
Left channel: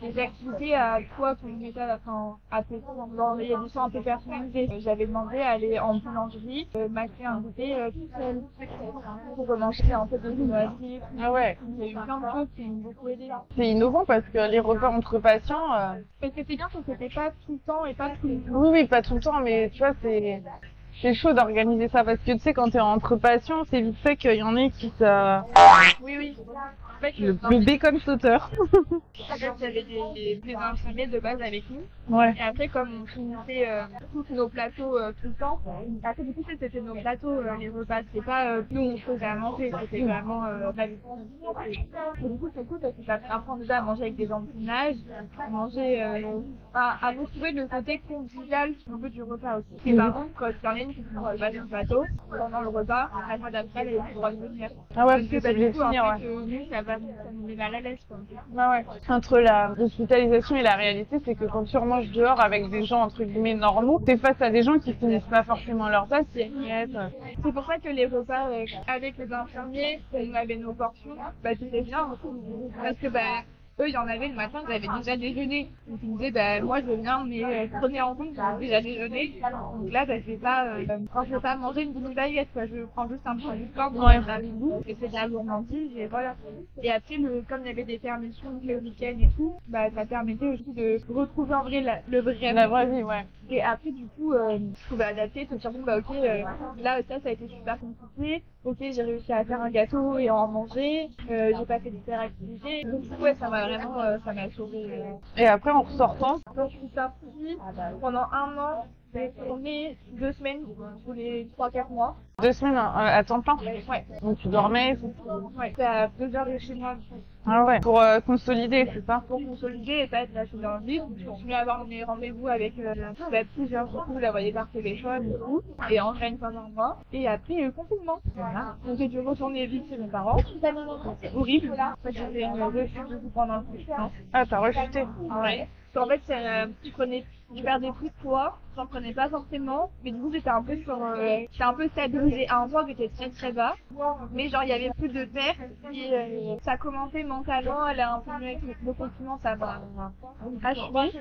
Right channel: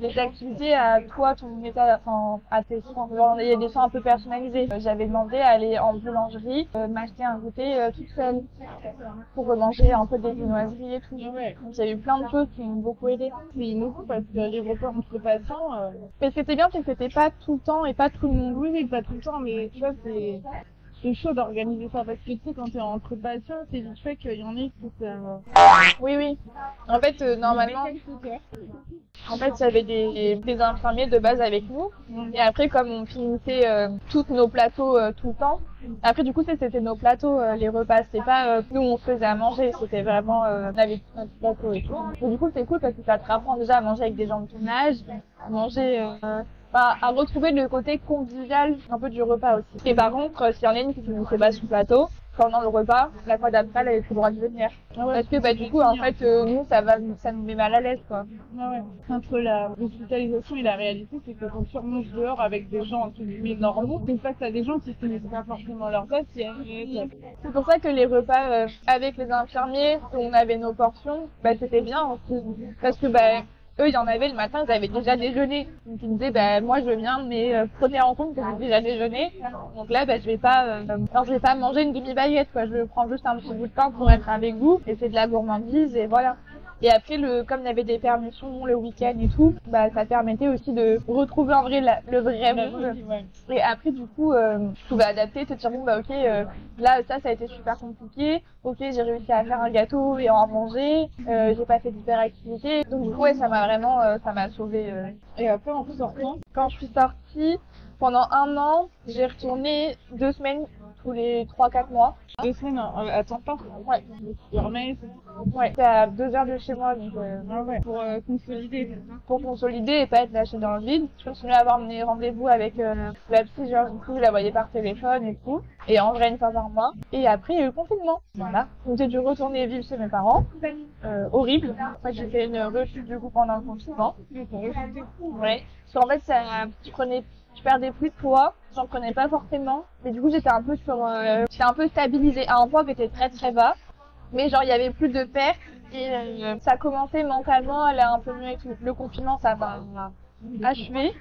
les activités à toi, ton état, enfin, à tes soins. Genre, il y a des soins un peu personnalisés. J'avais demandé à aller en boulangerie, m'acheter un goûter toute seule pour manger un peu des viennoiseries et tout. Ah ouais. J'ai eu plein de choses qui m'ont beaucoup aidé. C'est innovant parce que les repas entre patients, Mais ce qui était bien, c'est que c'était pas tout le temps et pas tout le monde. oui, pas tout le temps, mais tu vois, c'est chaud d'organiser ça parce que tu sais, quand t'es entre patients, c'est vite fait qu'il y en a qui ça. Oui. En fait, Le normalement, bacon sauteur. en fait, il y avait des infirmiers de base avec nous. Ouais. Et après, comme on finissait tous nos plateaux tout le temps, après, du coup, c'était nos plateaux, les repas. C'était pas nous, on faisait à manger. C'était vraiment, on avait tout notre plateau et tout. Donc, du coup, c'est cool parce que ça te rapprend déjà à manger avec des gens de ton âge, manger, à retrouver le côté convivial un peu du repas aussi. Et par contre, s'il y en a une qui finissait pas sur le plateau, pendant le repas, la fois d'après, elle avait plus le droit de venir. Ah ouais, Parce que bah, du coup, en fait, nous, ça nous met mal à l'aise, quoi. Ah ouais. Entre la hospitalisation et la réalité, c'est que quand tu remanges dehors avec des gens entre guillemets normaux, t'es face à des gens qui finissent pas forcément leurs assiettes. C'est pour ça que les repas avec les infirmiers, où on avait nos portions, bah, c'était bien aussi. Parce que bah, eux, il y en avait le matin, ils avaient déjà déjeuné. Donc ils me disaient, bah, moi je veux bien, mais prenez en compte que j'ai déjà déjeuné. Donc là, bah, je vais pas manger une demi-baguette, quoi. Je prends juste un petit bout de pain pour être avec vous. Et c'est de la gourmandise, et voilà. Et après, comme il y avait des permissions le week-end et tout, bah, ça permettait aussi de retrouver en vrai le vrai La monde. vraie vie, ouais. Et après, du coup, je pouvais adapter, te dire, bon, bah, ok, là, ça a été super compliqué. Ok, j'ai réussi à faire un gâteau et à en manger. J'ai pas fait d'hyperactivité. Donc, du coup, ouais, ça m'a sauvée. Et après, en ressortant, Quand je suis sortie, pendant 1 an, j'ai retourné 2 semaines tous les 3-4 mois. 2 semaines à temps plein. Ouais. Donc tu dormais. Ouais, c'est à 2 heures de chez moi, donc Ah ouais. Pour consolider, c'est ça. pour consolider et pas être lâchée dans le vide. Je continuais à avoir mes rendez-vous avec la psy, genre du coup je la voyais par téléphone et tout. Et en vrai une fois par mois. Et après il y a eu le confinement. Voilà. Donc j'ai dû retourner vivre chez mes parents. Horrible. En fait j'ai fait une rechute du coup pendant le confinement. Ah, t'as rechuté. Ouais. Parce qu'en fait tu perdais plus de poids. J'en prenais pas forcément, mais du coup j'étais un peu j'étais un peu stabilisée à un point qui était très très bas, mais genre il y avait plus de perte et ça commençait mentalement à aller un peu mieux avec le confinement, ça m'a achevé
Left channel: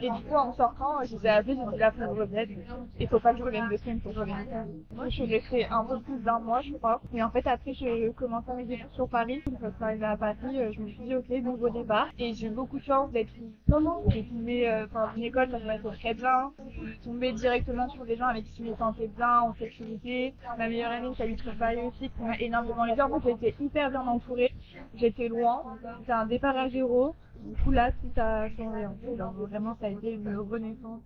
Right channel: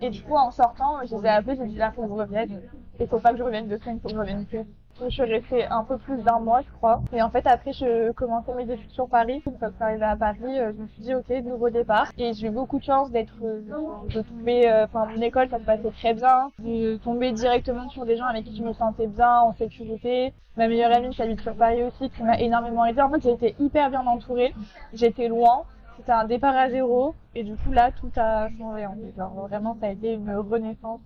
et du coup en sortant je les ai appelés, j'ai dit là faut que je revienne, il faut pas que je revienne 2 semaines, faut que je revienne. Donc, je suis restée un peu plus d'1 mois je crois, et en fait après je commençais mes études sur Paris, donc quand je suis arrivée à Paris je me suis dit ok nouveau départ, et j'ai eu beaucoup de chance de tomber, enfin mon école ça se passait très bien, de tomber directement sur des gens avec qui je me sentais bien, en sécurité. Ma meilleure amie qui habite sur Paris aussi, qui m'a énormément aidée. En fait, j'ai été hyper bien entourée. J'étais loin. C'était un départ à zéro. Et du coup, là, tout a changé. En fait. Genre, vraiment, ça a été une renaissance.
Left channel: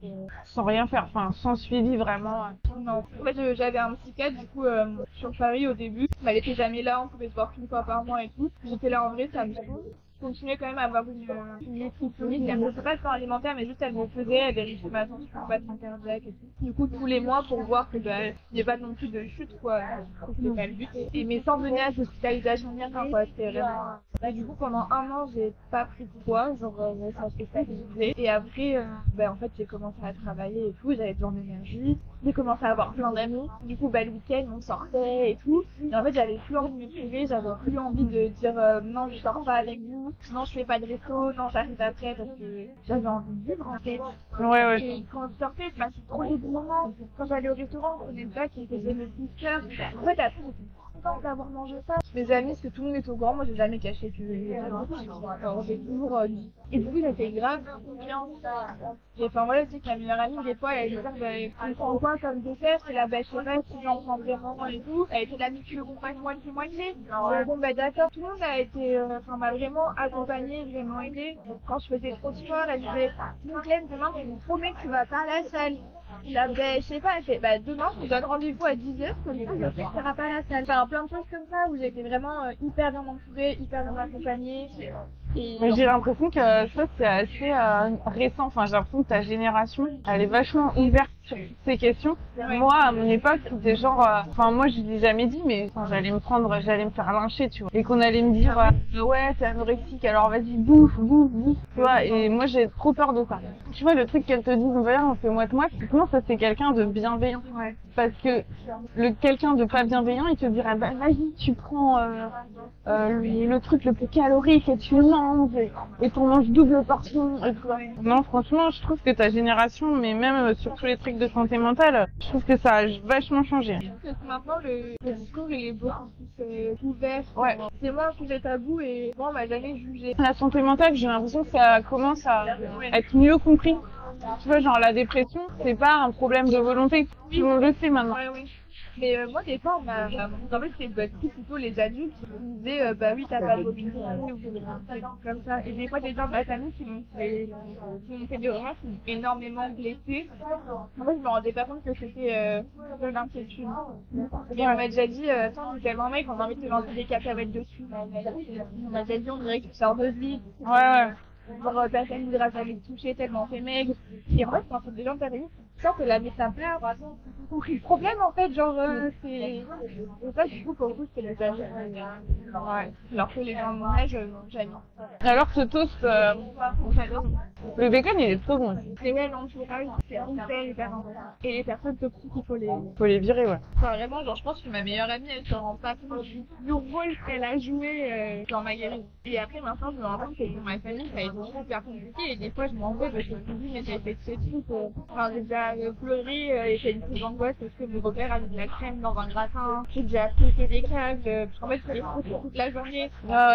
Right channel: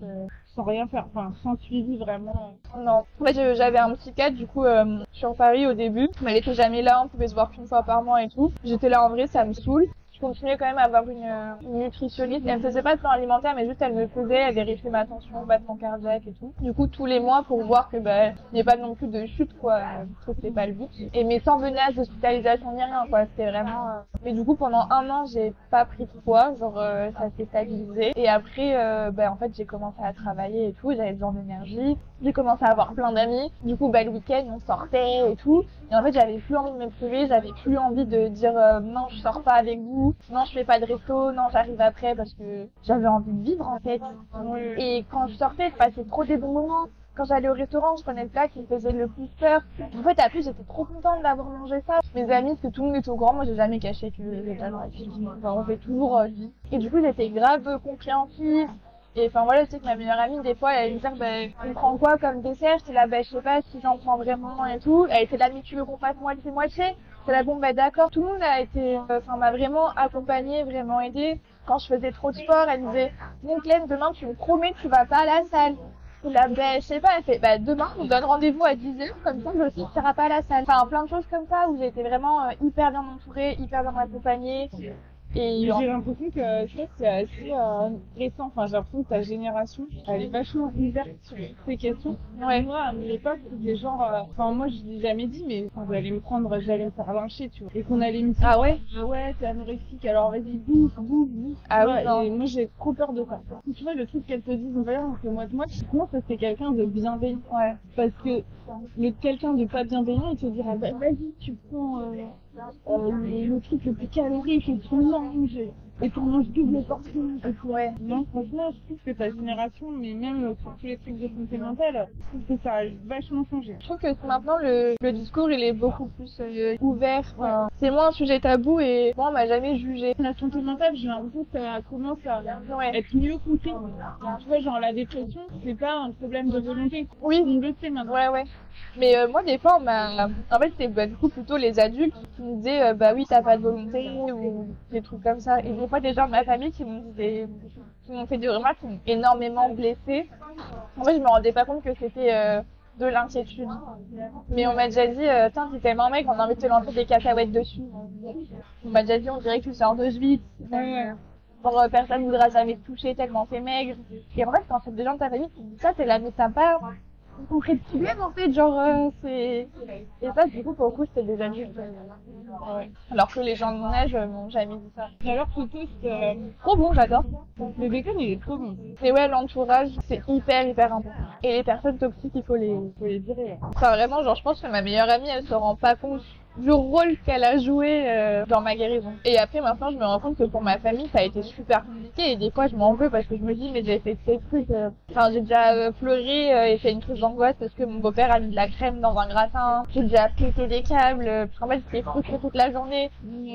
Sans rien faire, enfin sans suivi vraiment. Non. En fait, j'avais un psychiatre, du coup, sur Paris au début. Mais elle était jamais là, on pouvait se voir qu'une fois par mois et tout. J'étais là en vrai, ça me saoule. Je continuais quand même à avoir une nutritionniste. Elle me faisait pas de plan alimentaire, mais juste elle me faisait, elle vérifiait ma tension, battement cardiaque et tout. Du coup, tous les mois pour voir que il n'y ait pas non plus de chute, quoi. C'était pas le but. Et mais sans menace d'hospitalisation ni rien, quoi. C'était vraiment. Et du coup, pendant 1 an, j'ai pas pris de poids, genre ça s'est stabilisé. Et après, en fait, j'ai commencé à travailler et tout. J'avais besoin d'énergie. J'ai commencé à avoir plein d'amis. Du coup, le week-end, on sortait et tout. Et en fait, j'avais plus envie de me priver. J'avais plus envie de dire non, je sors pas avec vous. Non, je fais pas de resto. Non, j'arrive après parce que j'avais envie de vivre en fait. Ouais. Et quand je sortais, je passais trop des bons moments. Quand j'allais au restaurant, je prenais le plat qui me faisait le plus peur. En fait, après, j'étais trop contente d'avoir mangé ça. Mes amis, parce que tout le monde était au courant, moi, j'ai jamais caché que j'étais anorexique. Enfin, j'ai toujours dit. Et du coup, j'étais grave compréhensive. Et enfin voilà, je sais que ma meilleure amie, des fois, elle allait me dire, tu prends quoi comme dessert? C'est là, je sais pas si j'en prends vraiment et tout. Elle était là, mais tu veux qu'on fasse moitié-moitié? C'est là, bon, d'accord. Tout le monde a été, m'a vraiment accompagnée, vraiment aidée. Quand je faisais trop de sport, elle me disait, bon, Clem, demain, tu me promets que tu vas pas à la salle. Et là, je sais pas, elle fait, demain, on donne rendez-vous à 10h, comme ça, je sais que tu iras pas à la salle. Enfin, plein de choses comme ça où j'ai été vraiment hyper bien entourée, hyper bien accompagnée. Et Mais j'ai l'impression que ça c'est assez récent. Enfin, j'ai l'impression que ta génération, elle est vachement ouverte sur ces questions. Ouais. Moi, à mon époque, c'était genre, enfin moi je l'ai jamais dit, mais j'allais me faire lyncher, tu vois. Et qu'on allait me dire, Ah ouais ouais, t'es anorexique, alors vas-y bouffe. Ah Tu vois, oui, non. et moi j'ai trop peur de ça. Tu vois, le truc qu'elle te dise, on fait moite-moite, justement ça c'est quelqu'un de bienveillant. Ouais. Parce que quelqu'un de pas bienveillant, il te dira, bah vas-y, tu prends le truc le plus calorique et tu le manges et qu'on mange double portion et tout. Ouais. Non, franchement, je trouve que ta génération, mais même sur tous les trucs de santé mentale, je trouve que ça a vachement changé. Je trouve que maintenant le discours il est beaucoup plus ouvert. Ouais. C'est moins un sujet tabou et moi on m'a jamais jugé. La santé mentale, j'ai l'impression que ça commence à être mieux compris. Tu vois, genre la dépression, c'est pas un problème de volonté. Oui. Tout le monde le sait maintenant. Ouais. Mais moi des fois en fait c'était du coup plutôt les adultes qui me disaient bah oui t'as pas de volonté ou des trucs comme ça. Et des fois des gens de ma famille qui m'ont fait des remarques qui m'ont énormément blessée. En fait je me rendais pas compte que c'était de l'inquiétude. Mais on m'a déjà dit tiens t'es tellement mec on a envie de te lancer des cacahuètes dessus. On m'a déjà dit on dirait que tu sors de Schwitz. Ouais. Genre personne ne voudra jamais te toucher tellement t'es maigre. Et en fait quand c'est des gens de ta famille qui disent ça t'es là mais t'as pas compris le problème en fait, genre c'est. Et ça du coup pour le coup c'était des amis. Ouais. Alors que les gens de mon âge n'ont jamais dit ça. Alors ce toast, Trop bon, j'adore. le bacon il est trop bon. Et ouais, l'entourage c'est hyper important. Et les personnes toxiques il faut les virer, ouais. Enfin vraiment genre je pense que ma meilleure amie elle se rend pas compte du rôle qu'elle a joué dans ma guérison. Et après maintenant je me rends compte que pour ma famille ça a été super compliqué et des fois je m'en veux parce que je me dis mais j'ai fait ces trucs. Enfin j'ai déjà pleuré et fait une crise d'angoisse parce que mon beau-père a mis de la crème dans un gratin. J'ai déjà pété des câbles parce qu'en fait j'étais frustrée toute la journée.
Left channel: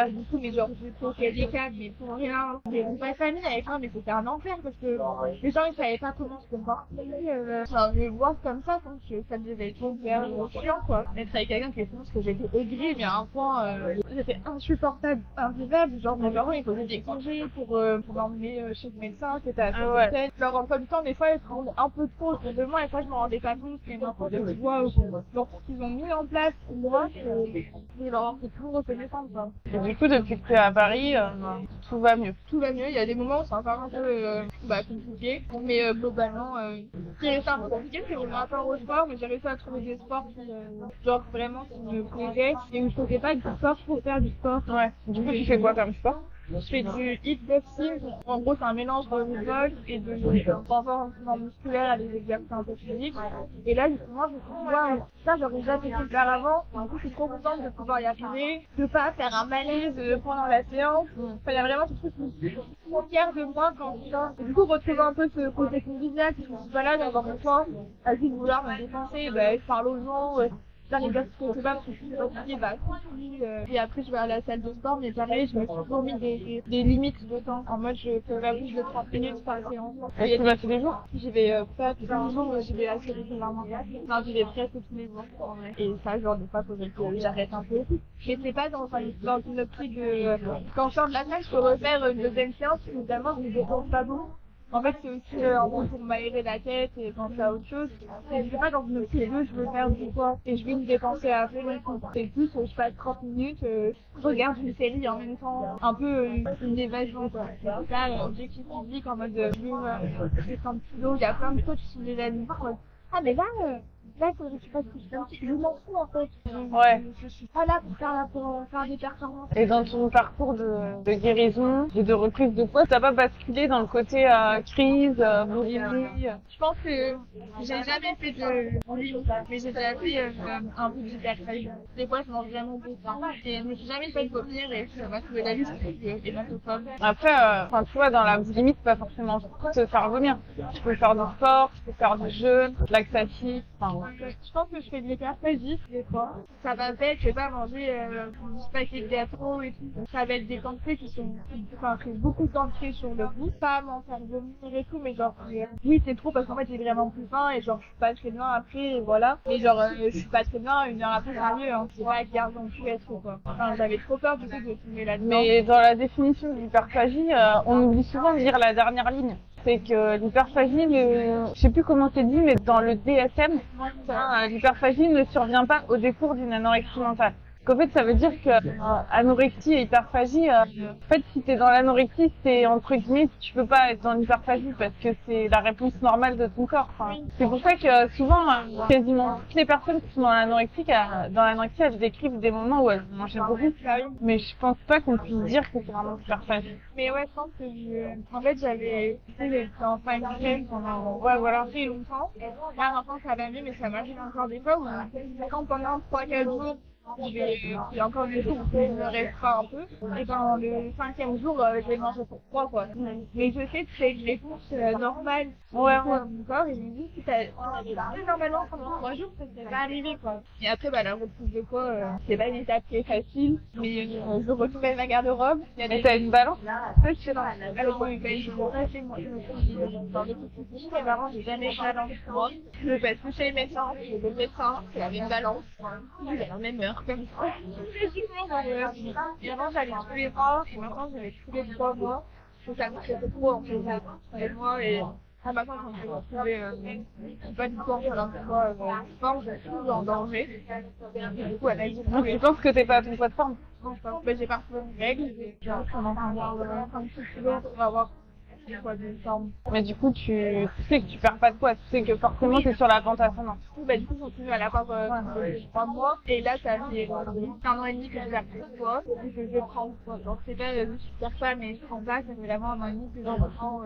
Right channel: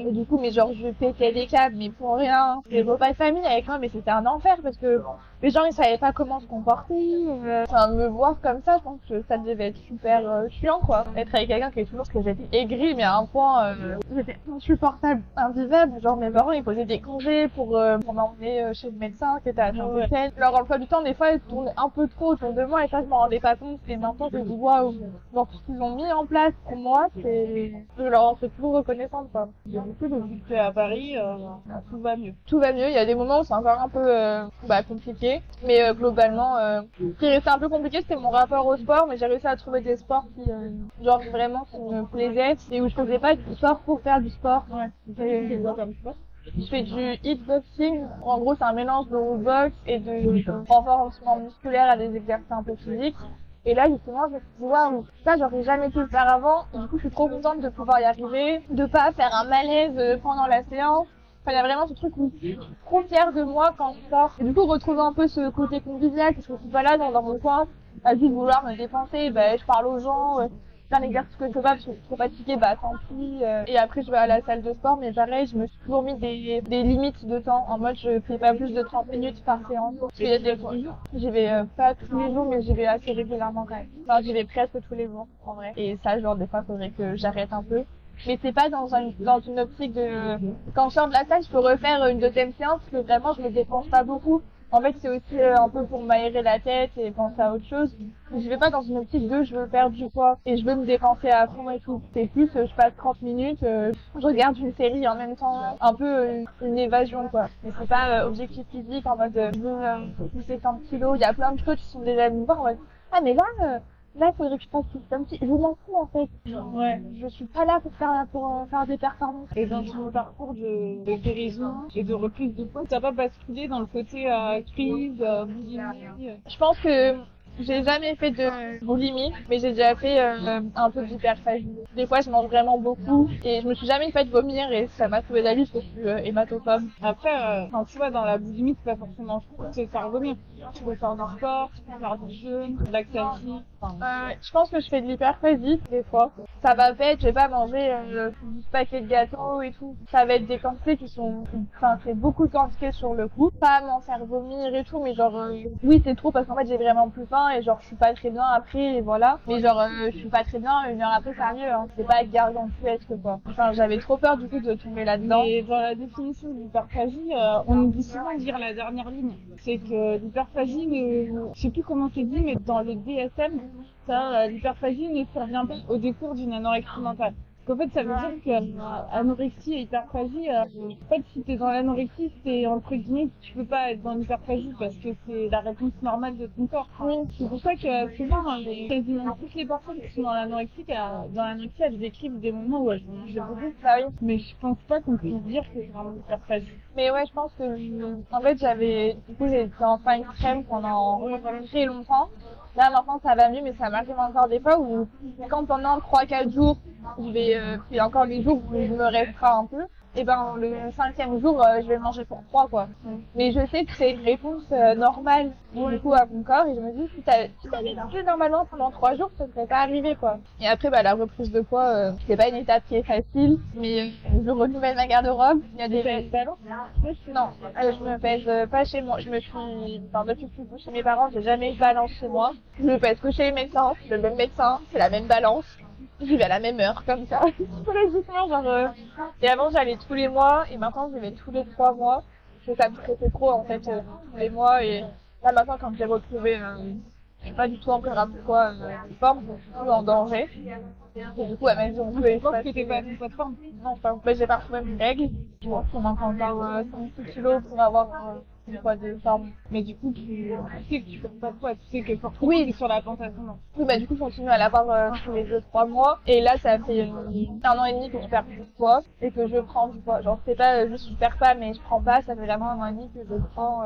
Et du coup mais genre je pétais des câbles mais pour rien. Des repas de famille avec moi mais c'était un enfer parce que les gens ils savaient pas comment se comporter. Enfin me voir comme ça je pense que ça devait être hyper chiant quoi. Être avec quelqu'un qui est toujours que j'étais aigrie mais à un point j'étais insupportable, invivable. Genre mes parents ils posaient des congés pour m'emmener chez le médecin qui était à Saint-Étienne. Leur emploi du temps des fois ils tournaient un peu trop autour de moi et ça je m'en rendais pas compte. Et maintenant je me dis waouh, genre tout ce qu'ils ont mis en place pour moi c'est je leur en suis toujours reconnaissante quoi. Et du coup depuis que tu es à Paris, tout va mieux. Tout va mieux, il y a des moments où c'est encore un peu compliqué, mais globalement ce qui restait un peu compliqué c'était mon rapport au sport, mais j'ai réussi à trouver des sports qui genre vraiment qui me plaisaient et où je faisais pas du sport pour faire du sport. Ouais. Du coup tu fais quoi comme sport? Je fais du hitboxing. En gros, c'est un mélange de boxe et de renforcement musculaire à des exercices un peu physiques. Et là, justement, je me suis dit, waouh, ça, j'aurais jamais pu le faire avant. Du coup, je suis trop contente de pouvoir y arriver, de pas faire un malaise pendant la séance. Enfin, il y a vraiment ce truc où je suis trop fière de moi quand je sors. Et du coup, retrouver un peu ce côté convivial, parce que je suis pas là dans mon coin, à juste vouloir me dépenser. Ben, je parle aux gens. C'est un exercice que je fais pas parce que je suis trop fatiguée, bah tant pis. Et après je vais à la salle de sport, mais pareil, je me suis toujours mis des limites de temps. En mode je fais pas plus de 30 minutes par séance. Et tu vas tous les jours? J'y vais pas tous les jours, mais j'y vais assez régulièrement quand même. Enfin j'y vais presque tous les jours en vrai. Et ça genre des fois faudrait que j'arrête un peu. Mais c'est pas dans une optique de quand je sors de la salle je peux refaire une deuxième séance parce que vraiment je me dépense pas beaucoup. En fait, c'est aussi un peu pour m'aérer la tête et penser à autre chose. Et je vais pas dans une optique de je veux perdre du poids et je veux me dépenser à fond et tout. C'est plus, je passe 30 minutes, je regarde une série en même temps, un peu une évasion quoi. C'est pas objectif physique en mode je veux pousser 100 kilos. Il y a plein de coachs qui sont déjà venus voir en mode ah mais là il faudrait que je fasse plus un petit. Je m'en fous en fait. Ouais. Je suis pas là pour faire des performances. Et dans ton parcours de guérison et de reprise de poids, t'as pas basculé dans le côté crise, boulimie? Je pense que j'ai jamais fait de boulimie, mais j'ai déjà fait un peu d'hyperphagie. Des fois, je mange vraiment beaucoup et je me suis jamais fait vomir et ça m'a sauvé la vie parce que je suis hématophobe. Après, tu vois, dans la boulimie, c'est pas forcément se faire vomir. Tu peux faire du sport, tu peux faire du jeûne, de laxatif. Je pense que je fais de l'hyperphagie des fois. Ça va pas être, je vais pas manger 10 paquets de gâteaux et tout. Ça va être des quantités qui sont, enfin, c'est beaucoup de quantités sur le coup. Pas m'en faire vomir et tout, mais genre, oui, c'est trop parce qu'en fait, j'ai vraiment plus faim et genre, je suis pas très bien après et voilà. Mais genre, je suis pas très bien, une heure après, ça va mieux, hein. C'est pas gargantuesque quoi. Enfin, j'avais trop peur du coup de tomber là-dedans. Mais dans la définition de l'hyperphagie, on oublie souvent de lire la dernière ligne. C'est que l'hyperphagie, je sais plus comment c'est dit, mais dans le DSM, l'hyperphagie ne survient pas au décours d'une anorexie mentale. qu'en fait ça veut dire que anorexie et hyperphagie, en fait si t'es dans l'anorexie, c'est entre guillemets, tu peux pas être dans l'hyperphagie parce que c'est la réponse normale de ton corps. Enfin, c'est pour ça que souvent, quasiment toutes les personnes qui sont dans l'anorexie, elles décrivent des moments où elles ont mangé beaucoup. Mais je pense pas qu'on puisse dire que c'est vraiment hyperphagie. Mais ouais, je pense que en fait, j'étais en fine crème pendant très longtemps. Là, maintenant, ça va mieux, mais ça m'arrive encore des fois où, quand pendant 3-4 jours, il y a encore des jours où je me restreins un peu, et ben, le 5e jour, je vais manger pour 3, quoi. Mais je sais que c'est une réponse normale, du coup, à mon corps, et je me dis, si t'avais mangé normalement pendant 3 jours, ça serait pas arrivé, quoi. Et après, la reprise de poids, c'est pas une étape qui est facile, mais je renouvelle ma garde-robe. Et t'as une balance? Non, je me pèse pas chez moi. Depuis que je suis chez mes parents, j'ai jamais eu de balance chez moi. Je me pèse que chez le médecin, c'est le même médecin, c'est la même balance. J'y vais à la même heure, comme ça. Logiquement, Et avant, j'allais tous les mois, et maintenant, j'y vais tous les 3 mois. Donc ça me stressait trop, en fait, tous les mois. Et là, maintenant, quand j'ai retrouvé, je suis pas du tout en programme de poids forme, je suis toujours en danger. Et du coup, elle m'a dit, tu penses que t'es pas à ton poids de forme? Non, je pense que j'ai pas retrouvé mes règles. Je pense qu'on manque encore 5-6 kilos pour avoir un poids de forme. Mais du coup, tu sais que tu perds pas de poids, tu sais que forcément t'es sur la pente ascendante. Oui, du coup, je continue à l'avoir tous les 2-3 mois. Et là, ça fait 1 an et demi que je perds plus de poids et que je prends du poids. Genre, c'est pas juste je perds pas, mais je prends pas. Ça fait vraiment 1 an et demi que je prends.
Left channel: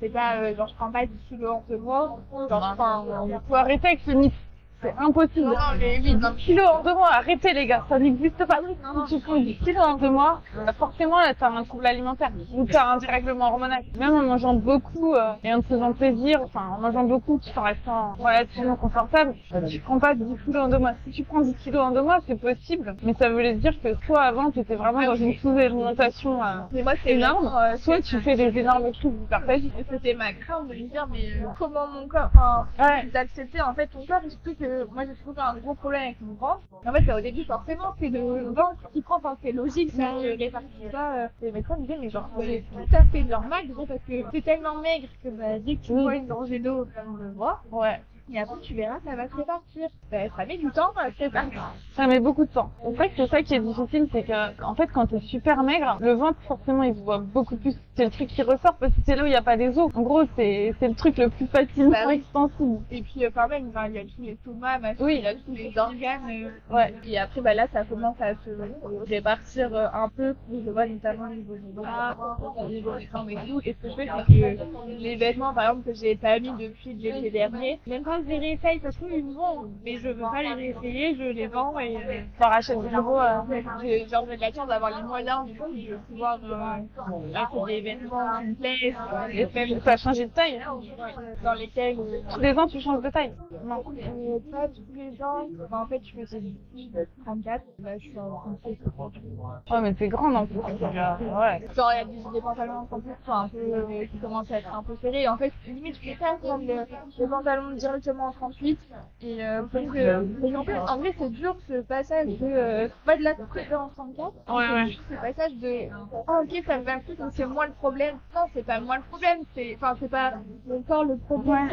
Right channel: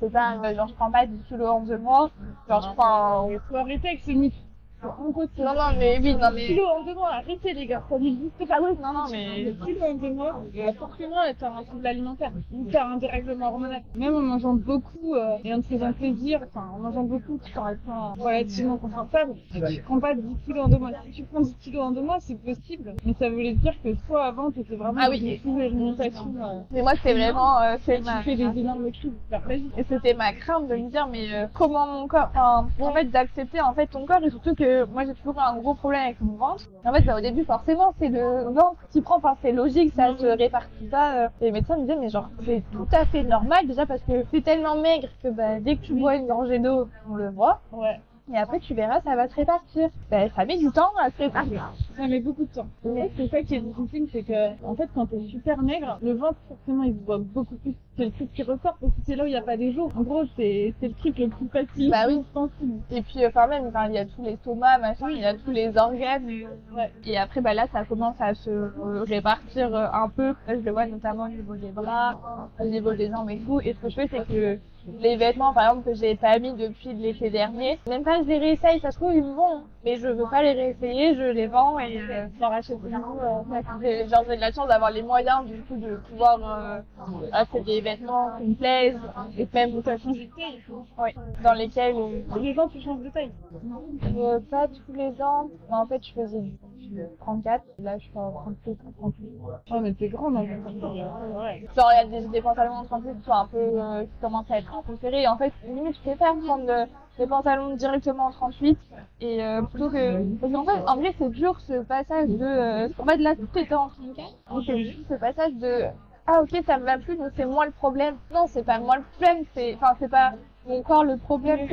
C'est pas genre je prends pas 10 kilos en 2 mois. Genre, je prends. Faut arrêter avec ce mythe. C'est impossible. Non, mais 10 kilos en 2 mois, arrêtez les gars, ça n'existe pas. Si tu prends 10 kilos en 2 mois, forcément là t'as un trouble alimentaire ou t'as un dérèglement hormonal. Même en mangeant beaucoup et en te faisant plaisir, en mangeant beaucoup tout en restant relativement confortable, tu prends pas 10 kilos en 2 mois. Si tu prends 10 kilos en 2 mois, c'est possible, mais ça voulait dire que toi avant t'étais vraiment dans une sous-alimentation. Mais moi c'est vraiment soit tu fais des énormes crises d'hyperphagie. Et c'était ma crainte de me dire mais comment mon corps, en fait d'accepter en fait ton corps, et surtout que moi j'ai toujours un gros problème avec mon ventre. En fait au début forcément c'est le ventre qui prend, c'est logique, ça se répartit pas. Les médecins me disaient mais genre c'est tout à fait normal déjà parce que c'est tellement maigre que dès que tu bois une gorgée d'eau on le voit. Et après, tu verras, ça va se répartir. Ça met du temps à se répartir. Ça met beaucoup de temps. C'est vrai que c'est ça qui est difficile, c'est que, en fait, quand t'es super maigre, le ventre, forcément, il se voit beaucoup plus. C'est le truc qui ressort parce que c'est là où il n'y a pas des os. En gros, c'est le truc le plus facile, sensible. Et puis, même, il y a tous les stomacs, il y a tous les organes. Et après, là, ça commence à se répartir un peu. Là, je le vois notamment au niveau des bras, au niveau des jambes et tout. Et ce que je fais, c'est que les vêtements, par exemple, que j'ai pas mis depuis l'été dernier, même pas je les réessaye, ça se trouve ils me vont, mais je veux pas les réessayer, je les vends et j'en rachète de nouveau. J'ai de la chance d'avoir les moyens du coup de pouvoir acheter des vêtements qui me plaisent et même ça a changé de taille. Dans lesquels tous les ans tu changes de taille? Non, pas tous les ans. En fait je faisais 34, là je suis en 36 ou 38. Ouais mais t'es grande en plus. Genre il y a des pantalons de 38 qui sont un peu qui commencent à être un peu serrés. En fait limite je préfère prendre le pantalon directement en 38 et plutôt que parce qu'en fait en vrai c'est dur ce passage de en fait là tout était en 34 c'est juste ce passage de ok ça me va plus donc c'est moi le problème. Non c'est pas moi le problème, c'est pas mon corps le problème.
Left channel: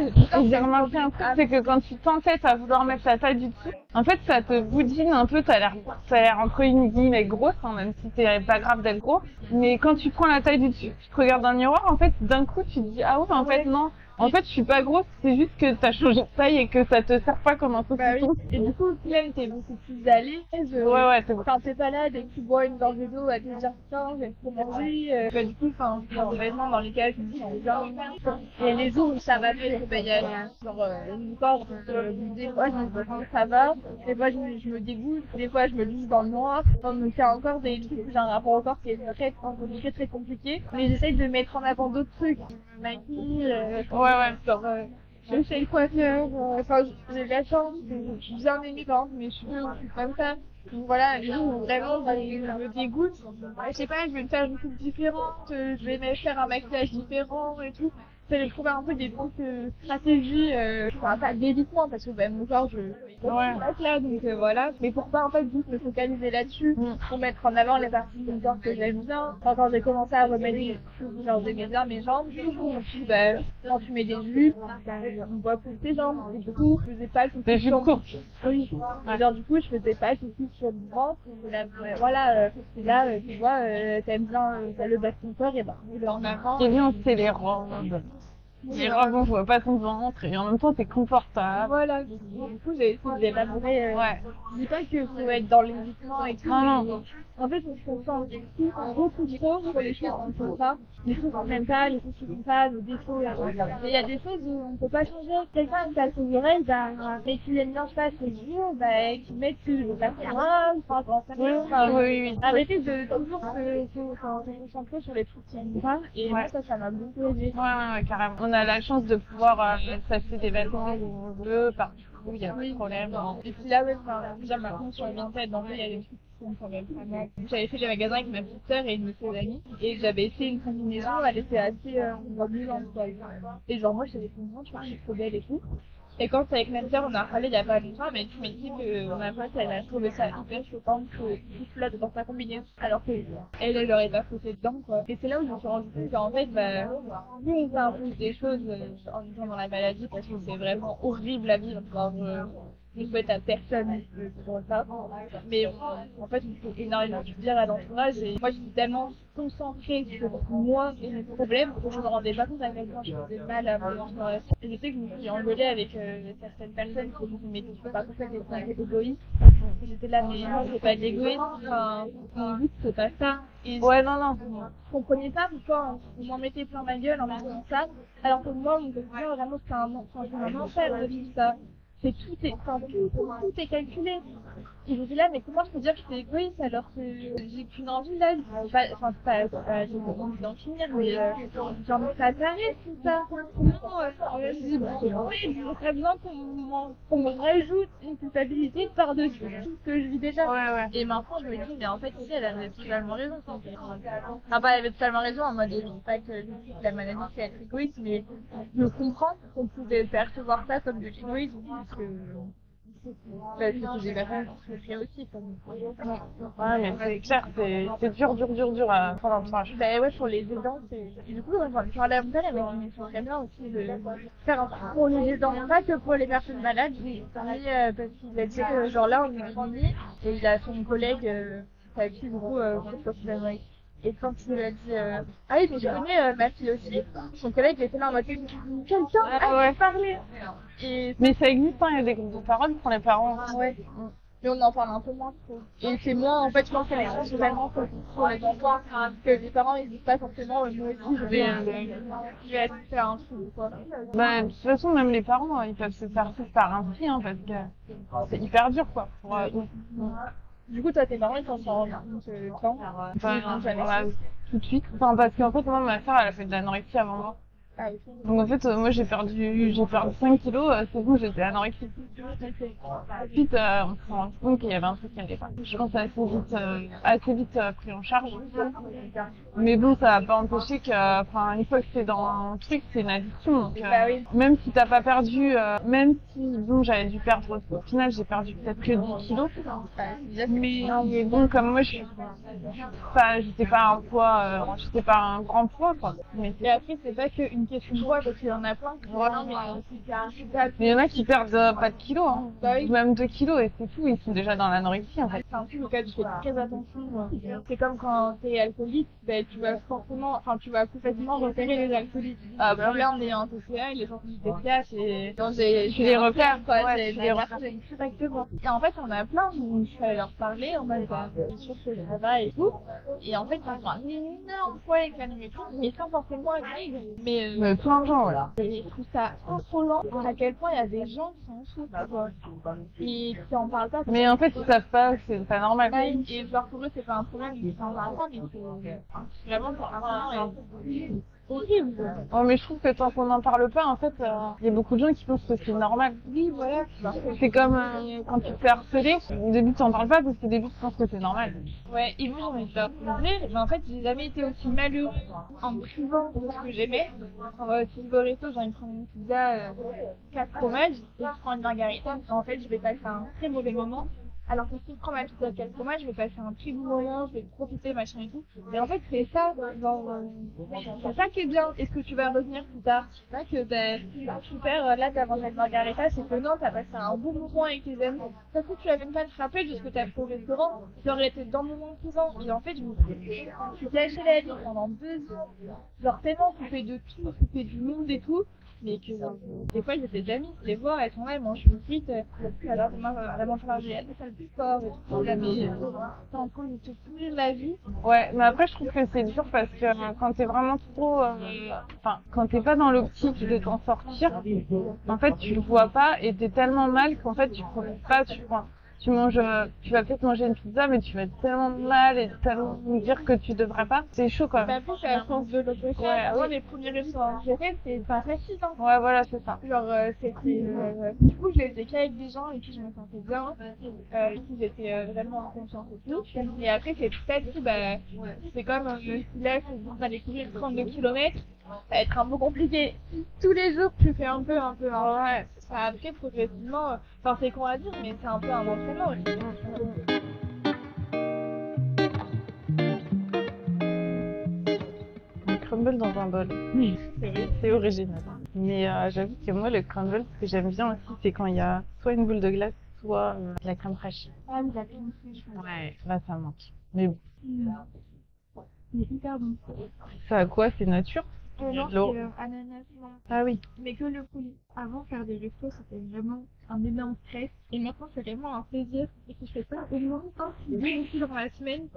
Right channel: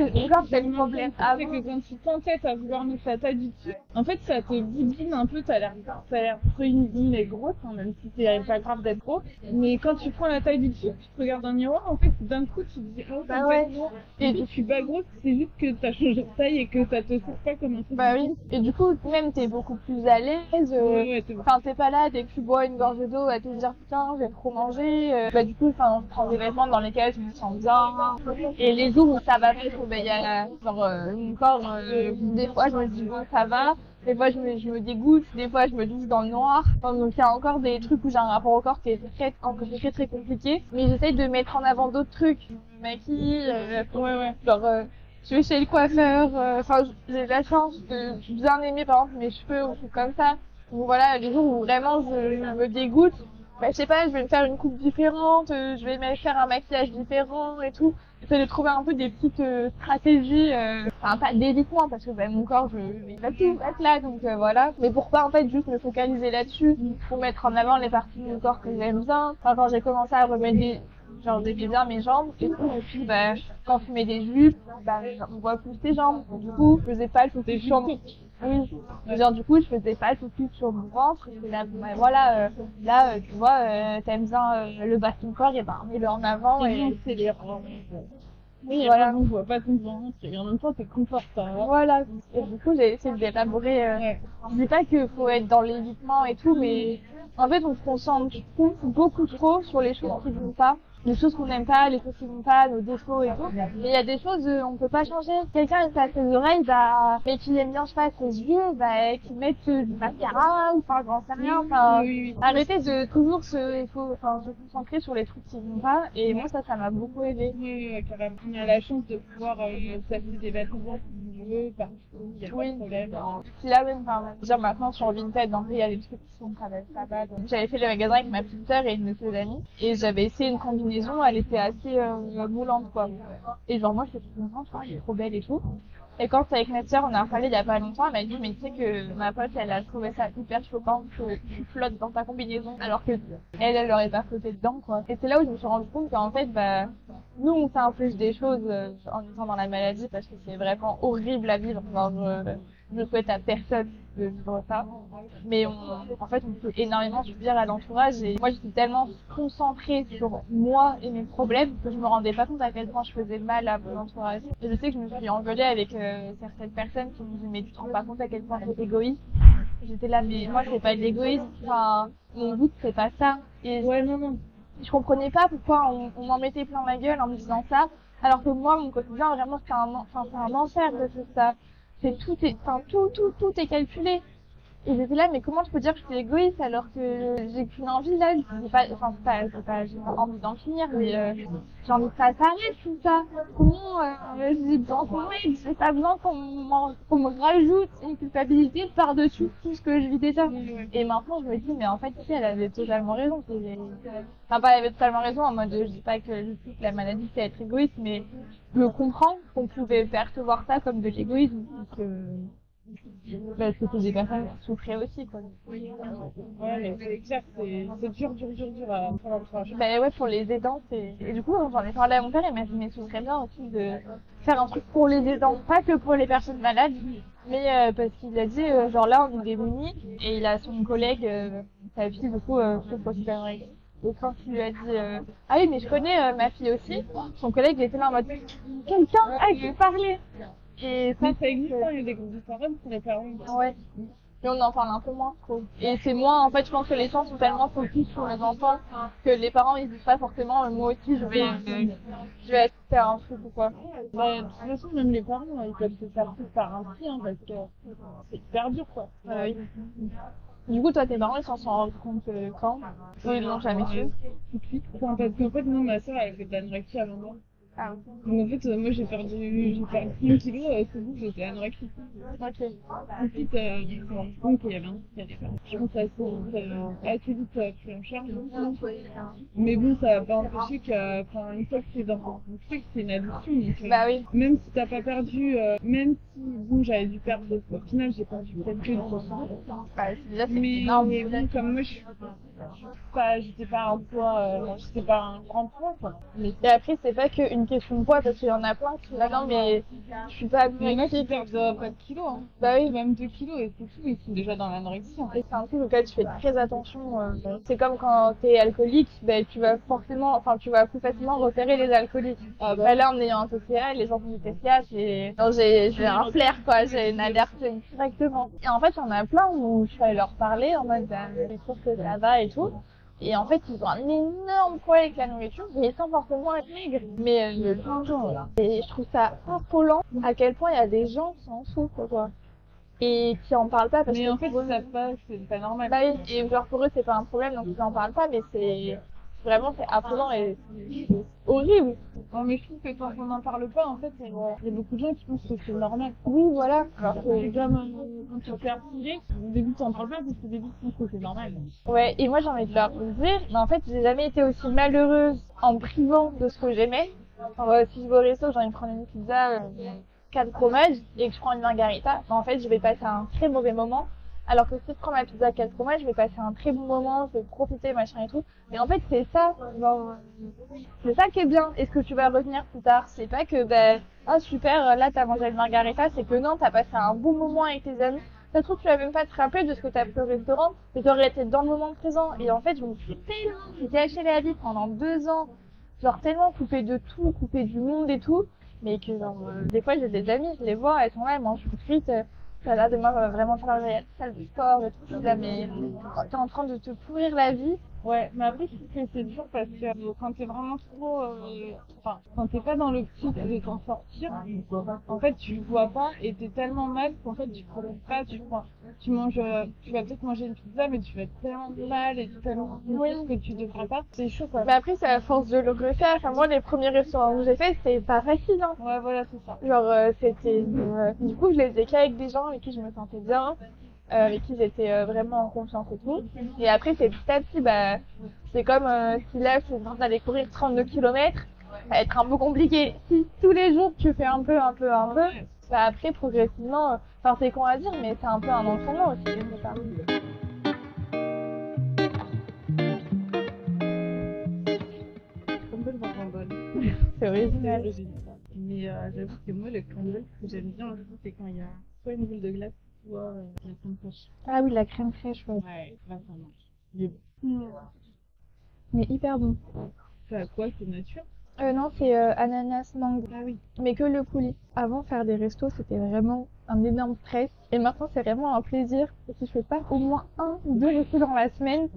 C'est que quand tu t'entêtes à vouloir mettre ta taille du dessus, en fait ça te boudine un peu, t'as l'air entre guillemets grosse, même si c'est pas grave d'être gros, mais quand tu prends la taille du dessus, tu te regardes dans le miroir, en fait d'un coup tu te dis en fait non, en fait je suis pas grosse, c'est juste que t'as changé de taille et que ça te sert pas comme un truc. Et du coup même t'es beaucoup plus à l'aise. T'es pas là dès que tu bois une gorgée d'eau à te dire putain j'ai trop mangé. Du coup je prends des vêtements dans lesquels je me sens bien. Et les jours où ça va mieux, il y a mon corps, des fois je me dis bon ça va, des fois je me dégoûte, des fois je me douche dans le noir. Donc il y a encore des trucs où j'ai un rapport au corps qui est très compliqué. Mais j'essaye de mettre en avant d'autres trucs. Je me maquille, je vais chez le coiffeur, j'ai la chance de bien aimer par exemple mes cheveux ou trucs comme ça. Donc voilà, les jours où vraiment je me dégoûte, je sais pas, je vais me faire une coupe différente, je vais me faire un maquillage différent et tout. j'essaie de trouver un peu des petites stratégies, enfin pas d'évitement parce que mon corps, il va plus être là, donc voilà. Mais pour pas en fait juste me focaliser là-dessus, pour mettre en avant les parties de mon corps que j'aime bien. Enfin, quand j'ai commencé à remettre genre j'aimais bien mes jambes, et puis quand tu mets des jupes, on voit plus tes jambes. Et du coup, je faisais pas le focus sur mon corps. Oui. Genre du coup, je faisais pas le focus sur mon ventre. Et là, voilà, là, tu vois, t'aimes bien le bas de ton corps, et mets-le en avant. C'est bien, c'est les robes. Oui, les voilà. robes, on voit pas ton ventre et en même temps, t'es confortable. Voilà. Et du coup, j'ai essayé d'élaborer. Je dis pas qu'il faut être dans l'évitement et tout, mais en fait, on se concentre beaucoup trop sur les choses qui vont pas, les choses qu'on n'aime pas, les choses qui vont pas, nos défauts et tout. Mais il y a des choses, on peut pas changer. Quelqu'un qui a ses oreilles, mais qui aime bien, je sais pas, ses yeux, qui mette du mascara, ou enfin, j'en sais rien. Oui. Arrêtez de toujours se concentrer sur les trucs qui vont pas. Et moi, ça m'a beaucoup aidé. Ouais, carrément. On a la chance de pouvoir s'acheter des vêtements où on veut, partout, il n'y a pas de problème. Et puis là, déjà maintenant sur Vinted, donc il y a des trucs qui sont quand même pas mal. J'avais fait le magasin avec ma petite sœur et une de ses amies, et j'avais essayé une combinaison, elle était assez moulante quoi. Et genre moi j'étais contente, je crois qu'elle est trop belle et tout. Et quand avec ma sœur on a parlé il y a pas longtemps, elle m'a dit mais tu sais que ma pote elle a trouvé ça hyper choquant que tu flottes dans ta combinaison alors que elle aurait pas flotté dedans quoi. Et c'est là où je me suis rendu compte qu'en fait nous on fait un peu des choses en étant dans la maladie parce que c'est vraiment horrible à vivre. Je souhaite à personne de vivre ça, mais en fait on peut énormément subir à l'entourage et moi j'étais tellement concentrée sur moi et mes problèmes que je me rendais pas compte à quel point je faisais mal à mon entourage. Et je sais que je me suis engueulée avec certaines personnes qui me disaient mais tu te rends pas compte à quel point tu es égoïste. J'étais là mais moi c'est pas de l'égoïsme, enfin mon but c'est pas ça. Et non. Je comprenais pas pourquoi on m'en mettait plein ma gueule en me disant ça, alors que moi mon quotidien vraiment c'est un enfer de tout ça. Tout est calculé. Et j'étais là, mais comment je peux dire que je suis égoïste alors que j'ai qu'une envie là, j'ai pas envie d'en finir, mais j'ai envie que ça s'arrête tout ça. Comment j'ai besoin j'ai pas besoin qu'on me rajoute une culpabilité par-dessus tout ce que je vis déjà. Ouais. Et maintenant je me dis, mais en fait ici elle avait totalement raison. Enfin pas elle avait totalement raison en mode je dis pas que la maladie c'est être égoïste, mais je comprends qu'on pouvait percevoir ça comme de l'égoïsme parce que c'est des personnes qui souffraient aussi quoi. Ouais mais c'est clair, c'est dur pour l'entourage. Pour les aidants et du coup j'en ai parlé à mon père et il m'a dit mais ce serait bien aussi de faire un truc pour les aidants, pas que pour les personnes malades, mais parce qu'il a dit genre là on est démunis et il a son collègue sa fille du coup souffre aussi d'anorexie. Et quand il lui a dit ah oui mais je connais ma fille aussi, son collègue il était là en mode quelqu'un à qui parler. Mais ça existe, il y a des groupes de parole pour les parents aussi. Ouais. Mais on en parle un peu moins trop. Et c'est moins, en fait, je pense que les gens sont tellement focus sur les enfants que les parents ils disent pas forcément moi aussi je vais faire un truc ou quoi. De toute façon, même les parents, ils peuvent se faire tout par un psy, parce que c'est hyper dur quoi. Du coup, toi, tes parents, ils s'en sont rendus compte quand? Non, jamais tout de suite. Enfin, parce qu'en fait, moi, ma soeur, elle a fait de l'anorexie avant moi. Ah oui. Donc en fait, moi j'ai perdu 5 kilos, c'est bon, j'étais anorexique. Ensuite, on s'est rendu compte qu'il y avait un truc qui allait pas. Je pense assez vite pris en charge. Mais bon, ça n'a pas empêché que, une fois que c'est dans un truc, c'est une addiction. Donc, même si t'as pas perdu, même si bon, j'avais dû perdre, au final, j'ai perdu peut-être que 10 kilos. Mais bon, comme moi, j'étais pas un grand poids, quoi. Et après, c'est pas qu'une question de poids, parce qu'il y en a plein qui disent non, mais je suis pas. Mais il y en a qui perdent pas de kilos, même 2 kilos, et c'est tout, ils sont déjà dans l'anorexie en fait. C'est un truc auquel tu fais très attention. C'est comme quand t'es alcoolique, tu vas plus facilement repérer les alcooliques. Là, en ayant un TCA, les gens qui ont du TCA, j'ai un flair, quoi, j'ai une alerte directement. Et en fait, on a plein où je suis allée leur parler en mode, c'est sûr que ça va et tout. Et en fait, ils ont un énorme problème avec la nourriture, mais sans forcément être maigres. Mais plein de gens, voilà. Et je trouve ça affolant à quel point il y a des gens qui en souffrent, quoi. Et qui en parlent pas. Mais en fait, ils savent pas, c'est pas normal. Et genre pour eux, c'est pas un problème, donc ils en parlent pas, mais c'est affolant et horrible. Ouais, mais je trouve que tant qu'on n'en parle pas, en fait, il y a beaucoup de gens qui pensent que c'est normal. Oui, voilà. C'est comme quand tu te fais harceler, au début tu n'en parles pas parce qu'au début tu penses que c'est normal. Ouais, et moi j'ai envie de leur dire, mais en fait j'ai jamais été aussi malheureuse en me privant de ce que j'aimais. Si je vais au resto, j'ai envie de prendre une pizza 4 fromages et que je prends une margarita, en fait je vais passer un très mauvais moment. Alors que si je prends ma pizza 4 fromages, je vais passer un très bon moment, je vais profiter, machin et tout. Et en fait, c'est ça, genre, c'est ça qui est bien. Et ce que tu vas retenir plus tard, c'est pas que, ah super, là t'as mangé une margarita, c'est que non, t'as passé un bon moment avec tes amis. Ça se trouve, tu vas même pas te rappeler de ce que t'as fait au restaurant, mais t'aurais été dans le moment présent. Et en fait, je me suis tellement gâché la vie pendant 2 ans, genre tellement coupée de tout, coupée du monde et tout. Mais que genre, des fois j'ai des amis, je les vois, elles sont là, elles mangent une frite, là demain va vraiment falloir aller à la salle de sport et tout. Je suis là, mais t'es en train de te pourrir la vie. Ouais, mais après je trouve que c'est dur parce que quand t'es vraiment trop, enfin quand t'es pas dans l'optique de t'en sortir, en fait tu le vois pas et t'es tellement mal qu'en fait tu profites pas, tu manges, tu vas peut-être manger une pizza, mais tu vas être tellement mal et tellement dire que tu devrais pas. C'est chaud quoi. Mais après, c'est à force de le faire. Enfin, moi, les premiers restaurants que j'ai fait, c'était pas facile. Hein. Ouais, voilà, c'est ça. Genre, c'était. Du coup, je les faisais qu'avec des gens avec qui je me sentais bien, avec qui j'étais vraiment en confiance et tout. Et après, c'est petit à petit, c'est comme si là, c'est en train d'aller courir 32 km. Ça va être un peu compliqué. Si tous les jours tu fais un peu, Ouais. après progressivement, enfin c'est con à dire, mais c'est un peu un entraînement aussi. Crumble dans un bol. C'est original. Mais j'avoue que moi, le crumble, ce que j'aime bien aussi, c'est quand il y a soit une boule de glace, soit de la crème fraîche. Ah oui, la crème fraîche, ouais. Ouais, là ça manque. Mais bon. Mais hyper bon. Ça a quoi? C'est nature? Non, L'eau. c'est ananas, mangue. Ah oui. Mais que le coulis. Avant, faire des restos, c'était vraiment un énorme stress. Et maintenant, c'est vraiment un plaisir. Et si je fais pas au moins 1 ou 2 restos dans la semaine,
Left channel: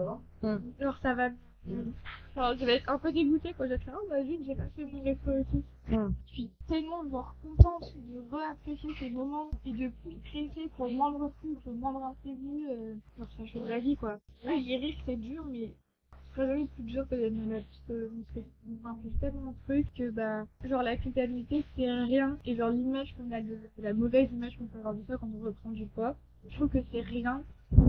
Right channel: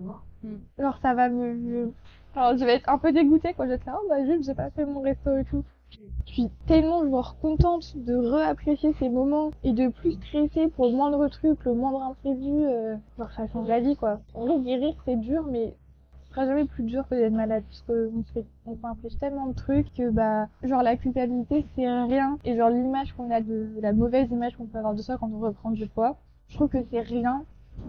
genre ça va Alors, je vais être un peu dégoûtée quand je vais être là, oh bah juste, j'ai pas fait mon resto et tout. Je suis tellement genre contente de réapprécier ces moments et de plus stresser pour le moindre truc, le moindre imprévu. Genre ça change la vie quoi. En vrai, guérir c'est dur, mais ce sera jamais plus dur que d'être malade parce qu'on s'inflige tellement de trucs que genre la culpabilité c'est rien et genre l'image qu'on a de la mauvaise image qu'on peut avoir de soi quand on reprend du poids, je trouve que c'est rien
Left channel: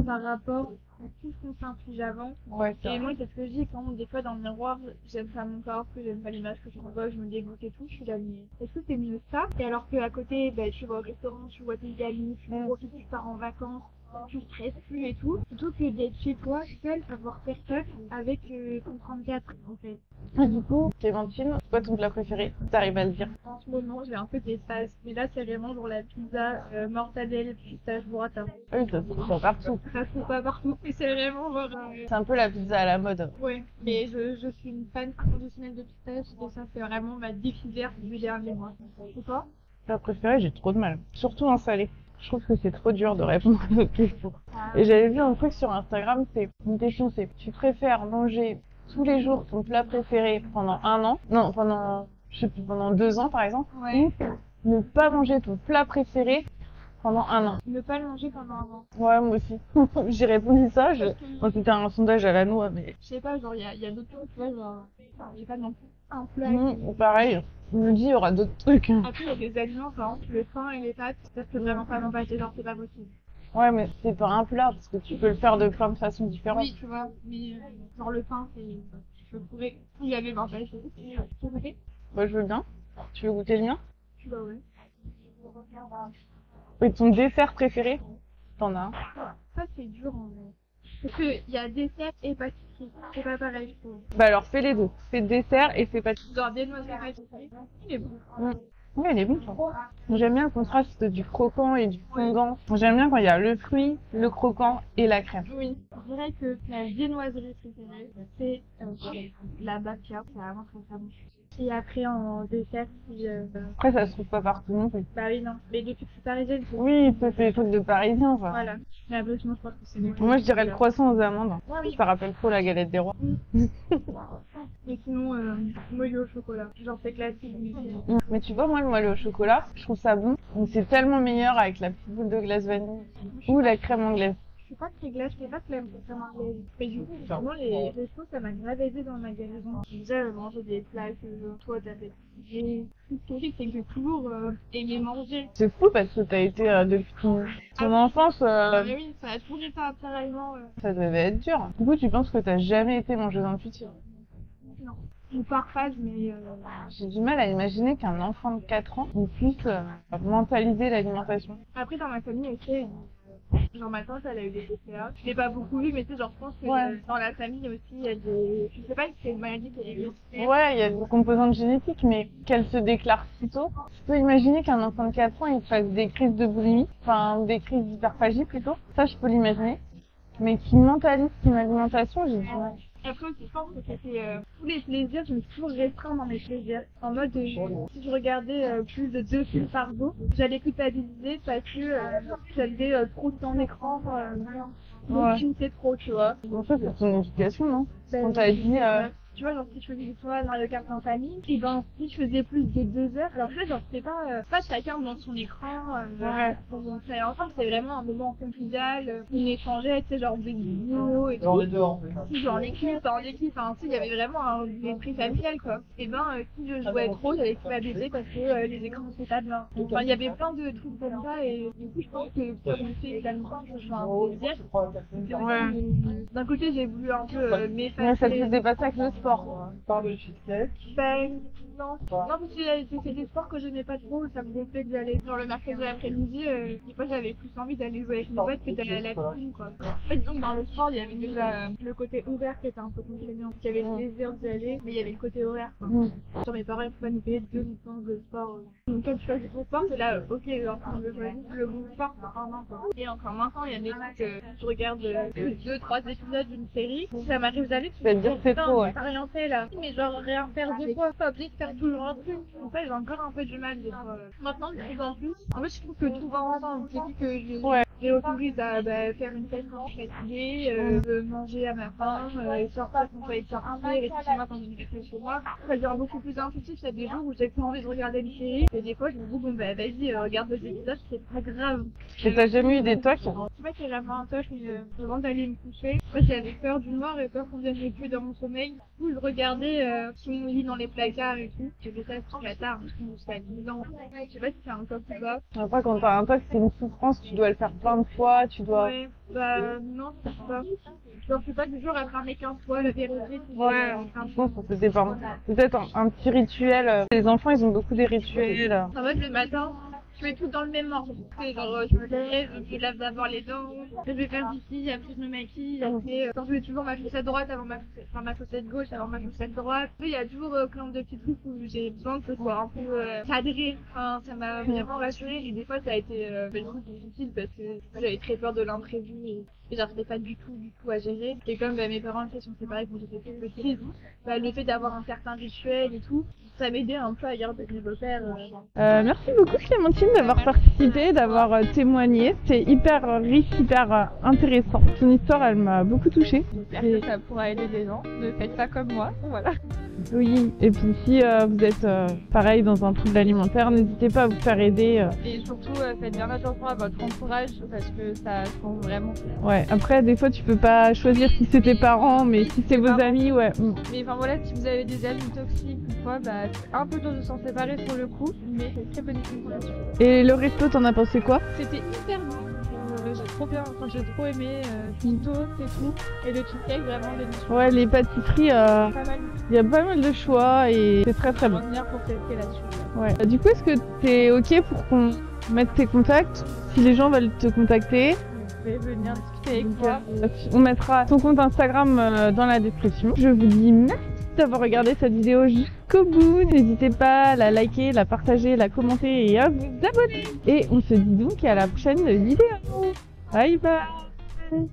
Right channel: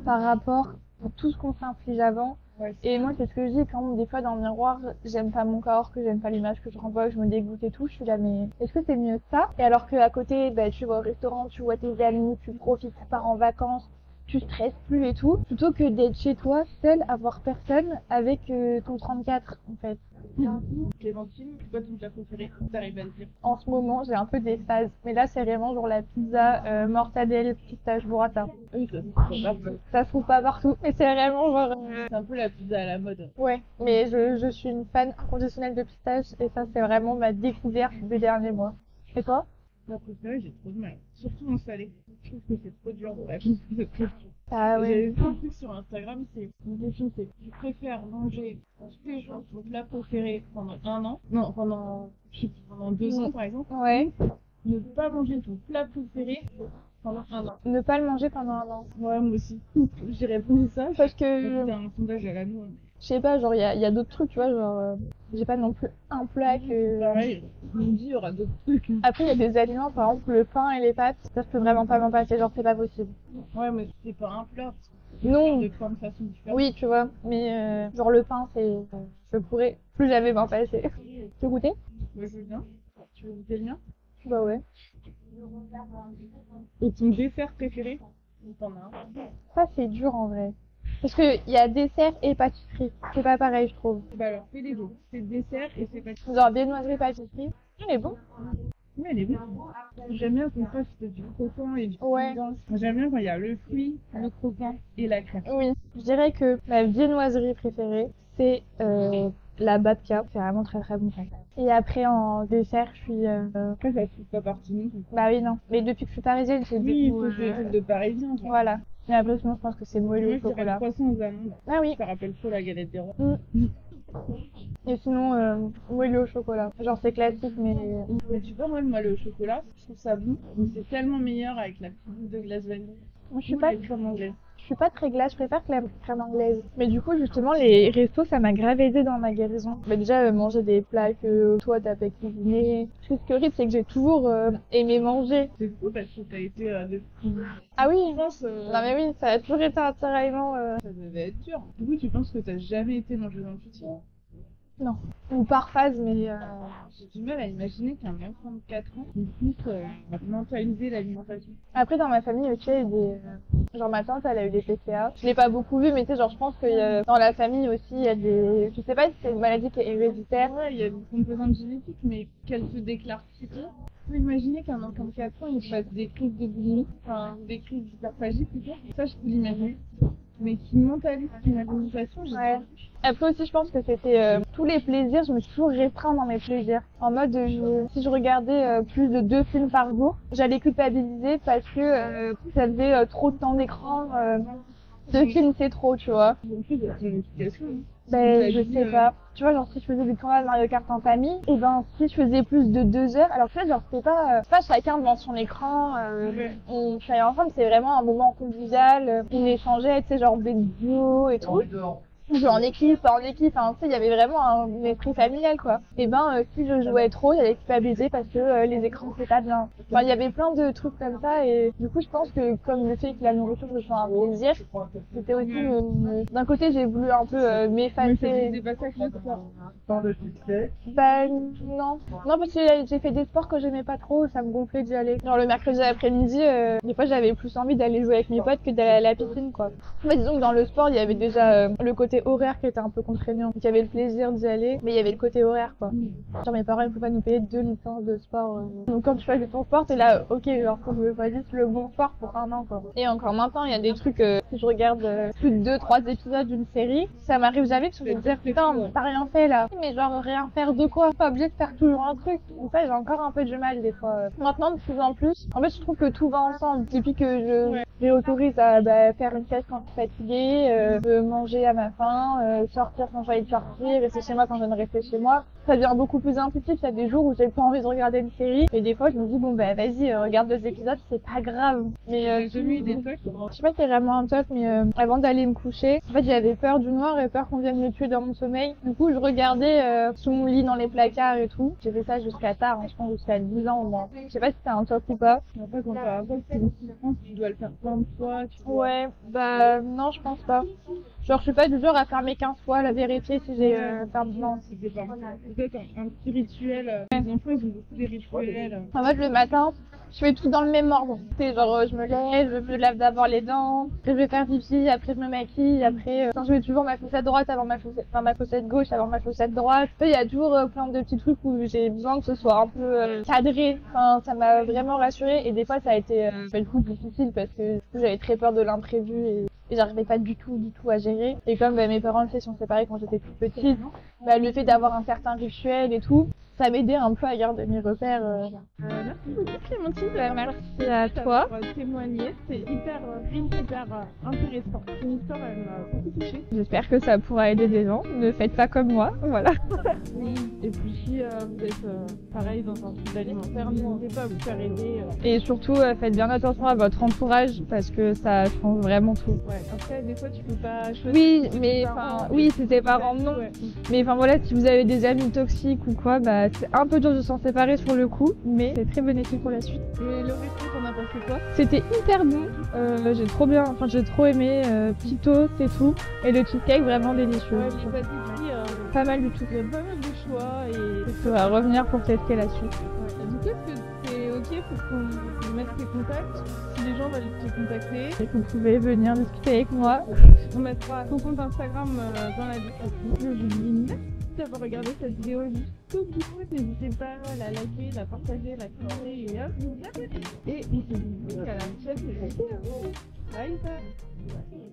par rapport à tout ce qu'on s'inflige avant. Ouais, et moi c'est ce que je dis quand des fois dans le miroir j'aime pas mon corps, que j'aime pas l'image que je renvoie, que je me dégoûte et tout, je suis là mais est-ce que c'est mieux ça? Et alors qu'à côté tu vas au restaurant, tu vois tes amis, tu profites, tu pars en vacances, tu stresses plus et tout, plutôt que d'être chez toi, seule, à voir personne avec ton 34 en fait. Et du coup, Clémentine, c'est quoi ton plat préféré? T'arrives à le dire? En ce moment, j'ai un peu des phases, mais là c'est vraiment genre la pizza mortadelle, pistache burrata. Oui, ça se trouve pas partout. Ça se trouve pas partout, mais c'est vraiment genre... C'est un peu la pizza à la mode. Ouais, mais je suis une fan inconditionnelle de pistache et ça c'est vraiment ma découverte des derniers mois. Et toi? Plat préféré, j'ai trop de mal. Surtout en salé. Je trouve que c'est trop dur de répondre à cette question. Ah, Et j'avais vu un truc sur Instagram, c'est une question, c'est tu préfères manger tous les jours ton plat préféré pendant 1 an? Non, pendant 2 ans par exemple. Ouais. Ne pas manger ton plat préféré pendant 1 an. Ne pas le manger pendant 1 an. Ouais, moi aussi. J'ai répondu ça. Parce que... Quand c'était un sondage à la noix, mais... Je sais pas, genre il y a d'autres trucs, tu vois, genre j'ai pas non plus un plat que... Pareil, je me dis il y aura d'autres trucs. Après il y a des aliments, par exemple le pain et les pâtes, ça je peux vraiment pas m'en passer, genre c'est pas possible. Ouais, mais c'est pas un plat, parce que tu peux Non. le faire de plein de façons différentes. Oui, tu vois, mais genre le pain, je pourrais plus jamais m'en passer. Tu veux goûter? Moi je veux bien. Tu veux goûter le mien? Bah ouais. Et ton dessert préféré? T'en as un? Ça c'est dur en vrai. Parce qu'il y a dessert et pâtisserie, c'est pas pareil je trouve. Bah alors fais les deux. Fais dessert et fais pâtisserie. Genre viennoiserie pâtisserie, il est bon. Oui, elle est bonne. J'aime bien le contraste du croquant et du Ouais. fondant. J'aime bien quand il y a le fruit, le croquant et la crème. Oui, je dirais que ma viennoiserie préférée, c'est la babka. C'est vraiment très très bon. Et après en dessert, je suis... Après, ça se trouve pas partout non plus. Bah oui, non. Mais depuis que je suis parisienne, c'est Oui, du coup, ça c'est des trucs de parisien. Quoi. Voilà. Mais après, sinon, je pense que c'est moelleux. Moi, je dirais le chocolat. croissant aux amandes. Ah oui. Ça rappelle trop la galette des rois. Et sinon, moelleux au chocolat. Genre, c'est classique, mais... Mais tu vois, moi, le moelleux au chocolat, je trouve ça bon. Mais c'est tellement meilleur avec la petite boule de glace vanille Je suis ou pas- la crème anglaise. Je suis pas très glace, je préfère que la crème anglaise. Mais du coup, justement, les restos, ça m'a grave aidé dans ma guérison. Mais déjà, manger des plats que toi, t'as fait cuisiner. Ce qui est horrible, c'est que j'ai toujours aimé manger. C'est fou parce que t'as été depuis ton Ah oui. enfance. Bah mais oui, ça a toujours été un tiraillement. Ça devait être dur. Du coup, tu penses que t'as jamais été mangeuse intuitive? Non. Ou par phase, mais J'ai du mal à imaginer qu'un enfant de 4 ans puisse mentaliser l'alimentation. après, dans ma famille aussi, il y a eu des... genre ma tante, elle a eu des PCA. Je l'ai pas beaucoup vu, mais tu sais, genre je pense que Ouais. dans la famille aussi, il y a des... Je sais pas si c'est une maladie qui est héréditaire. Ouais, il y a des composantes génétiques, mais qu'elle se déclare si tôt. Tu peux imaginer qu'un enfant de 4 ans, il fasse des crises de boulimie, enfin des crises d'hyperphagie plutôt. Ça, je peux l'imaginer. Mais qui mentalise son alimentation, j'ai du Ouais. mal. Après aussi, je pense que c'était tous les plaisirs, je me suis toujours restreint dans mes plaisirs. En mode, si je regardais plus de 2 films par jour, j'allais culpabiliser parce que ça faisait trop de temps d'écran. Deux Ouais. films, c'est trop, tu vois. Bon, ça, c'est ton éducation, non? Ben, On t'a je dit, sais pas. Tu vois, genre, si je faisais du tournoi de Mario Kart en famille, et ben, si je faisais plus de 2 heures, alors que là, genre, c'était pas chacun devant son écran, Ouais. on travaillait ensemble, c'est vraiment un moment convivial, on échangeait, tu sais, genre, des duos et tout. On jouait en équipe, enfin, tu sais, il y avait vraiment un esprit familial, quoi. Et ben, si je jouais trop, j'allais culpabiliser parce que les écrans, c'est pas bien. Enfin, il y avait plein de trucs comme ça, et du coup, je pense que comme le fait que la nourriture, ce soit un plaisir, c'était aussi, Ouais. d'un côté, j'ai voulu un peu Mais ça te m'effacer. faisait pas ça avec le sport. Parle de cheesecake. Bah non. Non, parce que j'ai fait des sports que j'aimais pas trop, ça me gonflait d'y aller. Genre le mercredi après-midi, des fois j'avais plus envie d'aller jouer avec mes potes que d'aller à la piscine, quoi. Mais disons que dans le sport, il y avait déjà le côté horaire qui était un peu contraignant. Il y avait le plaisir d'y aller, mais il y avait le côté horaire, quoi. Genre mes parents, ils pouvaient pas nous payer 2 licences de sport. Donc quand tu choisis ton sport, t'es là, ok, genre faut que je choisisse le bon sport pour un an, quoi. Et encore maintenant, il y a des trucs, si je regarde plus de 2-3 épisodes d'une série, ça m'arrive jamais que je vais te dire, putain, t'as rien fait là. Mais genre rien faire de quoi? Pas obligé de faire toujours un truc. Donc ça, j'ai encore un peu de mal des fois. Maintenant, de plus en plus, en fait, je trouve que tout va ensemble. Depuis que j'ai autorise à faire une sieste quand je suis fatiguée, de manger à ma faim, sortir quand j'ai envie de sortir, rester chez moi quand je ne rester chez moi. Ça devient beaucoup plus intuitif. Il y a des jours où j'ai pas envie de regarder une série. Et des fois, je me dis, bon, bah, vas-y, regarde 2 épisodes, c'est pas grave. Mais T'as jamais eu des tocs? je sais pas si c'est vraiment un toc, mais avant d'aller me coucher, en fait, j'avais peur du noir et peur qu'on vienne me tuer dans mon sommeil. Du coup, je regardais sous mon lit, dans les placards et tout. J'ai fait ça jusqu'à tard, je pense jusqu'à 10 ans au moins. Je sais pas si c'est un toc ou pas. Après, quand t'as un toc, c'est une souffrance, tu dois le faire plein de fois, tu dois... Ouais, bah non, je pense pas. Genre, je suis pas du genre à fermer 15 fois la vérité si j'ai fait un bon. Ça dépend. Peut-être un petit rituel. Les enfants, ils ont beaucoup des rituels. En fait, le matin, je fais tout dans le même ordre. C'est genre, je me lève, je me lave d'abord les dents, après je vais faire pipi, après je me maquille, après, je mets toujours ma chaussette droite avant ma chaussette, enfin ma chaussette gauche avant ma chaussette droite. Il y a toujours plein de petits trucs où j'ai besoin que ce soit un peu cadré. Enfin, ça m'a vraiment rassurée et des fois ça a été du coup difficile parce que j'avais très peur de l'imprévu et j'arrivais pas du tout à gérer. Et comme mes parents le sont séparés quand j'étais toute petite, le fait d'avoir un certain rituel et tout, ça m'aidait un peu à garder mes repères. Merci beaucoup Clémentine d'avoir participé, d'avoir témoigné. C'était hyper riche, hyper intéressant. Ton histoire, elle m'a beaucoup touchée. J'espère que ça pourra aider des gens. Ne faites pas comme moi, voilà. Oui, et puis si vous êtes pareil dans un trouble alimentaire, n'hésitez pas à vous faire aider. Et surtout, faites bien attention à votre entourage parce que ça change vraiment tout. Ouais, après des fois tu peux pas choisir Oui, si c'est tes mais, parents, mais oui, si c'est c'est tes vos parents. amis, ouais. Mais enfin voilà, si vous avez des amis toxiques ou quoi, bah c'est un peu dur de s'en séparer sur le coup, mais c'est très bénéfique pour la suite. Et le resto, t'en as pensé quoi? C'était hyper bon, j'ai trop aimé, petit toast et tout, et le cheesecake vraiment délicieux. Ouais, les pâtisseries, Pas mal du tout. il y a pas mal de choix et c'est très On très va bon. revenir pour tester la suite. Ouais. Du coup, est-ce que t'es ok pour qu'on mette tes contacts? Si les gens veulent te contacter, Vous pouvez venir discuter avec moi. on mettra ton compte Instagram dans la description. Je vous dis merci d'avoir regardé cette vidéo jusqu'au bout. N'hésitez pas à la liker, la partager, la commenter et à vous abonner. Et on se dit donc à la prochaine vidéo. Bye bye.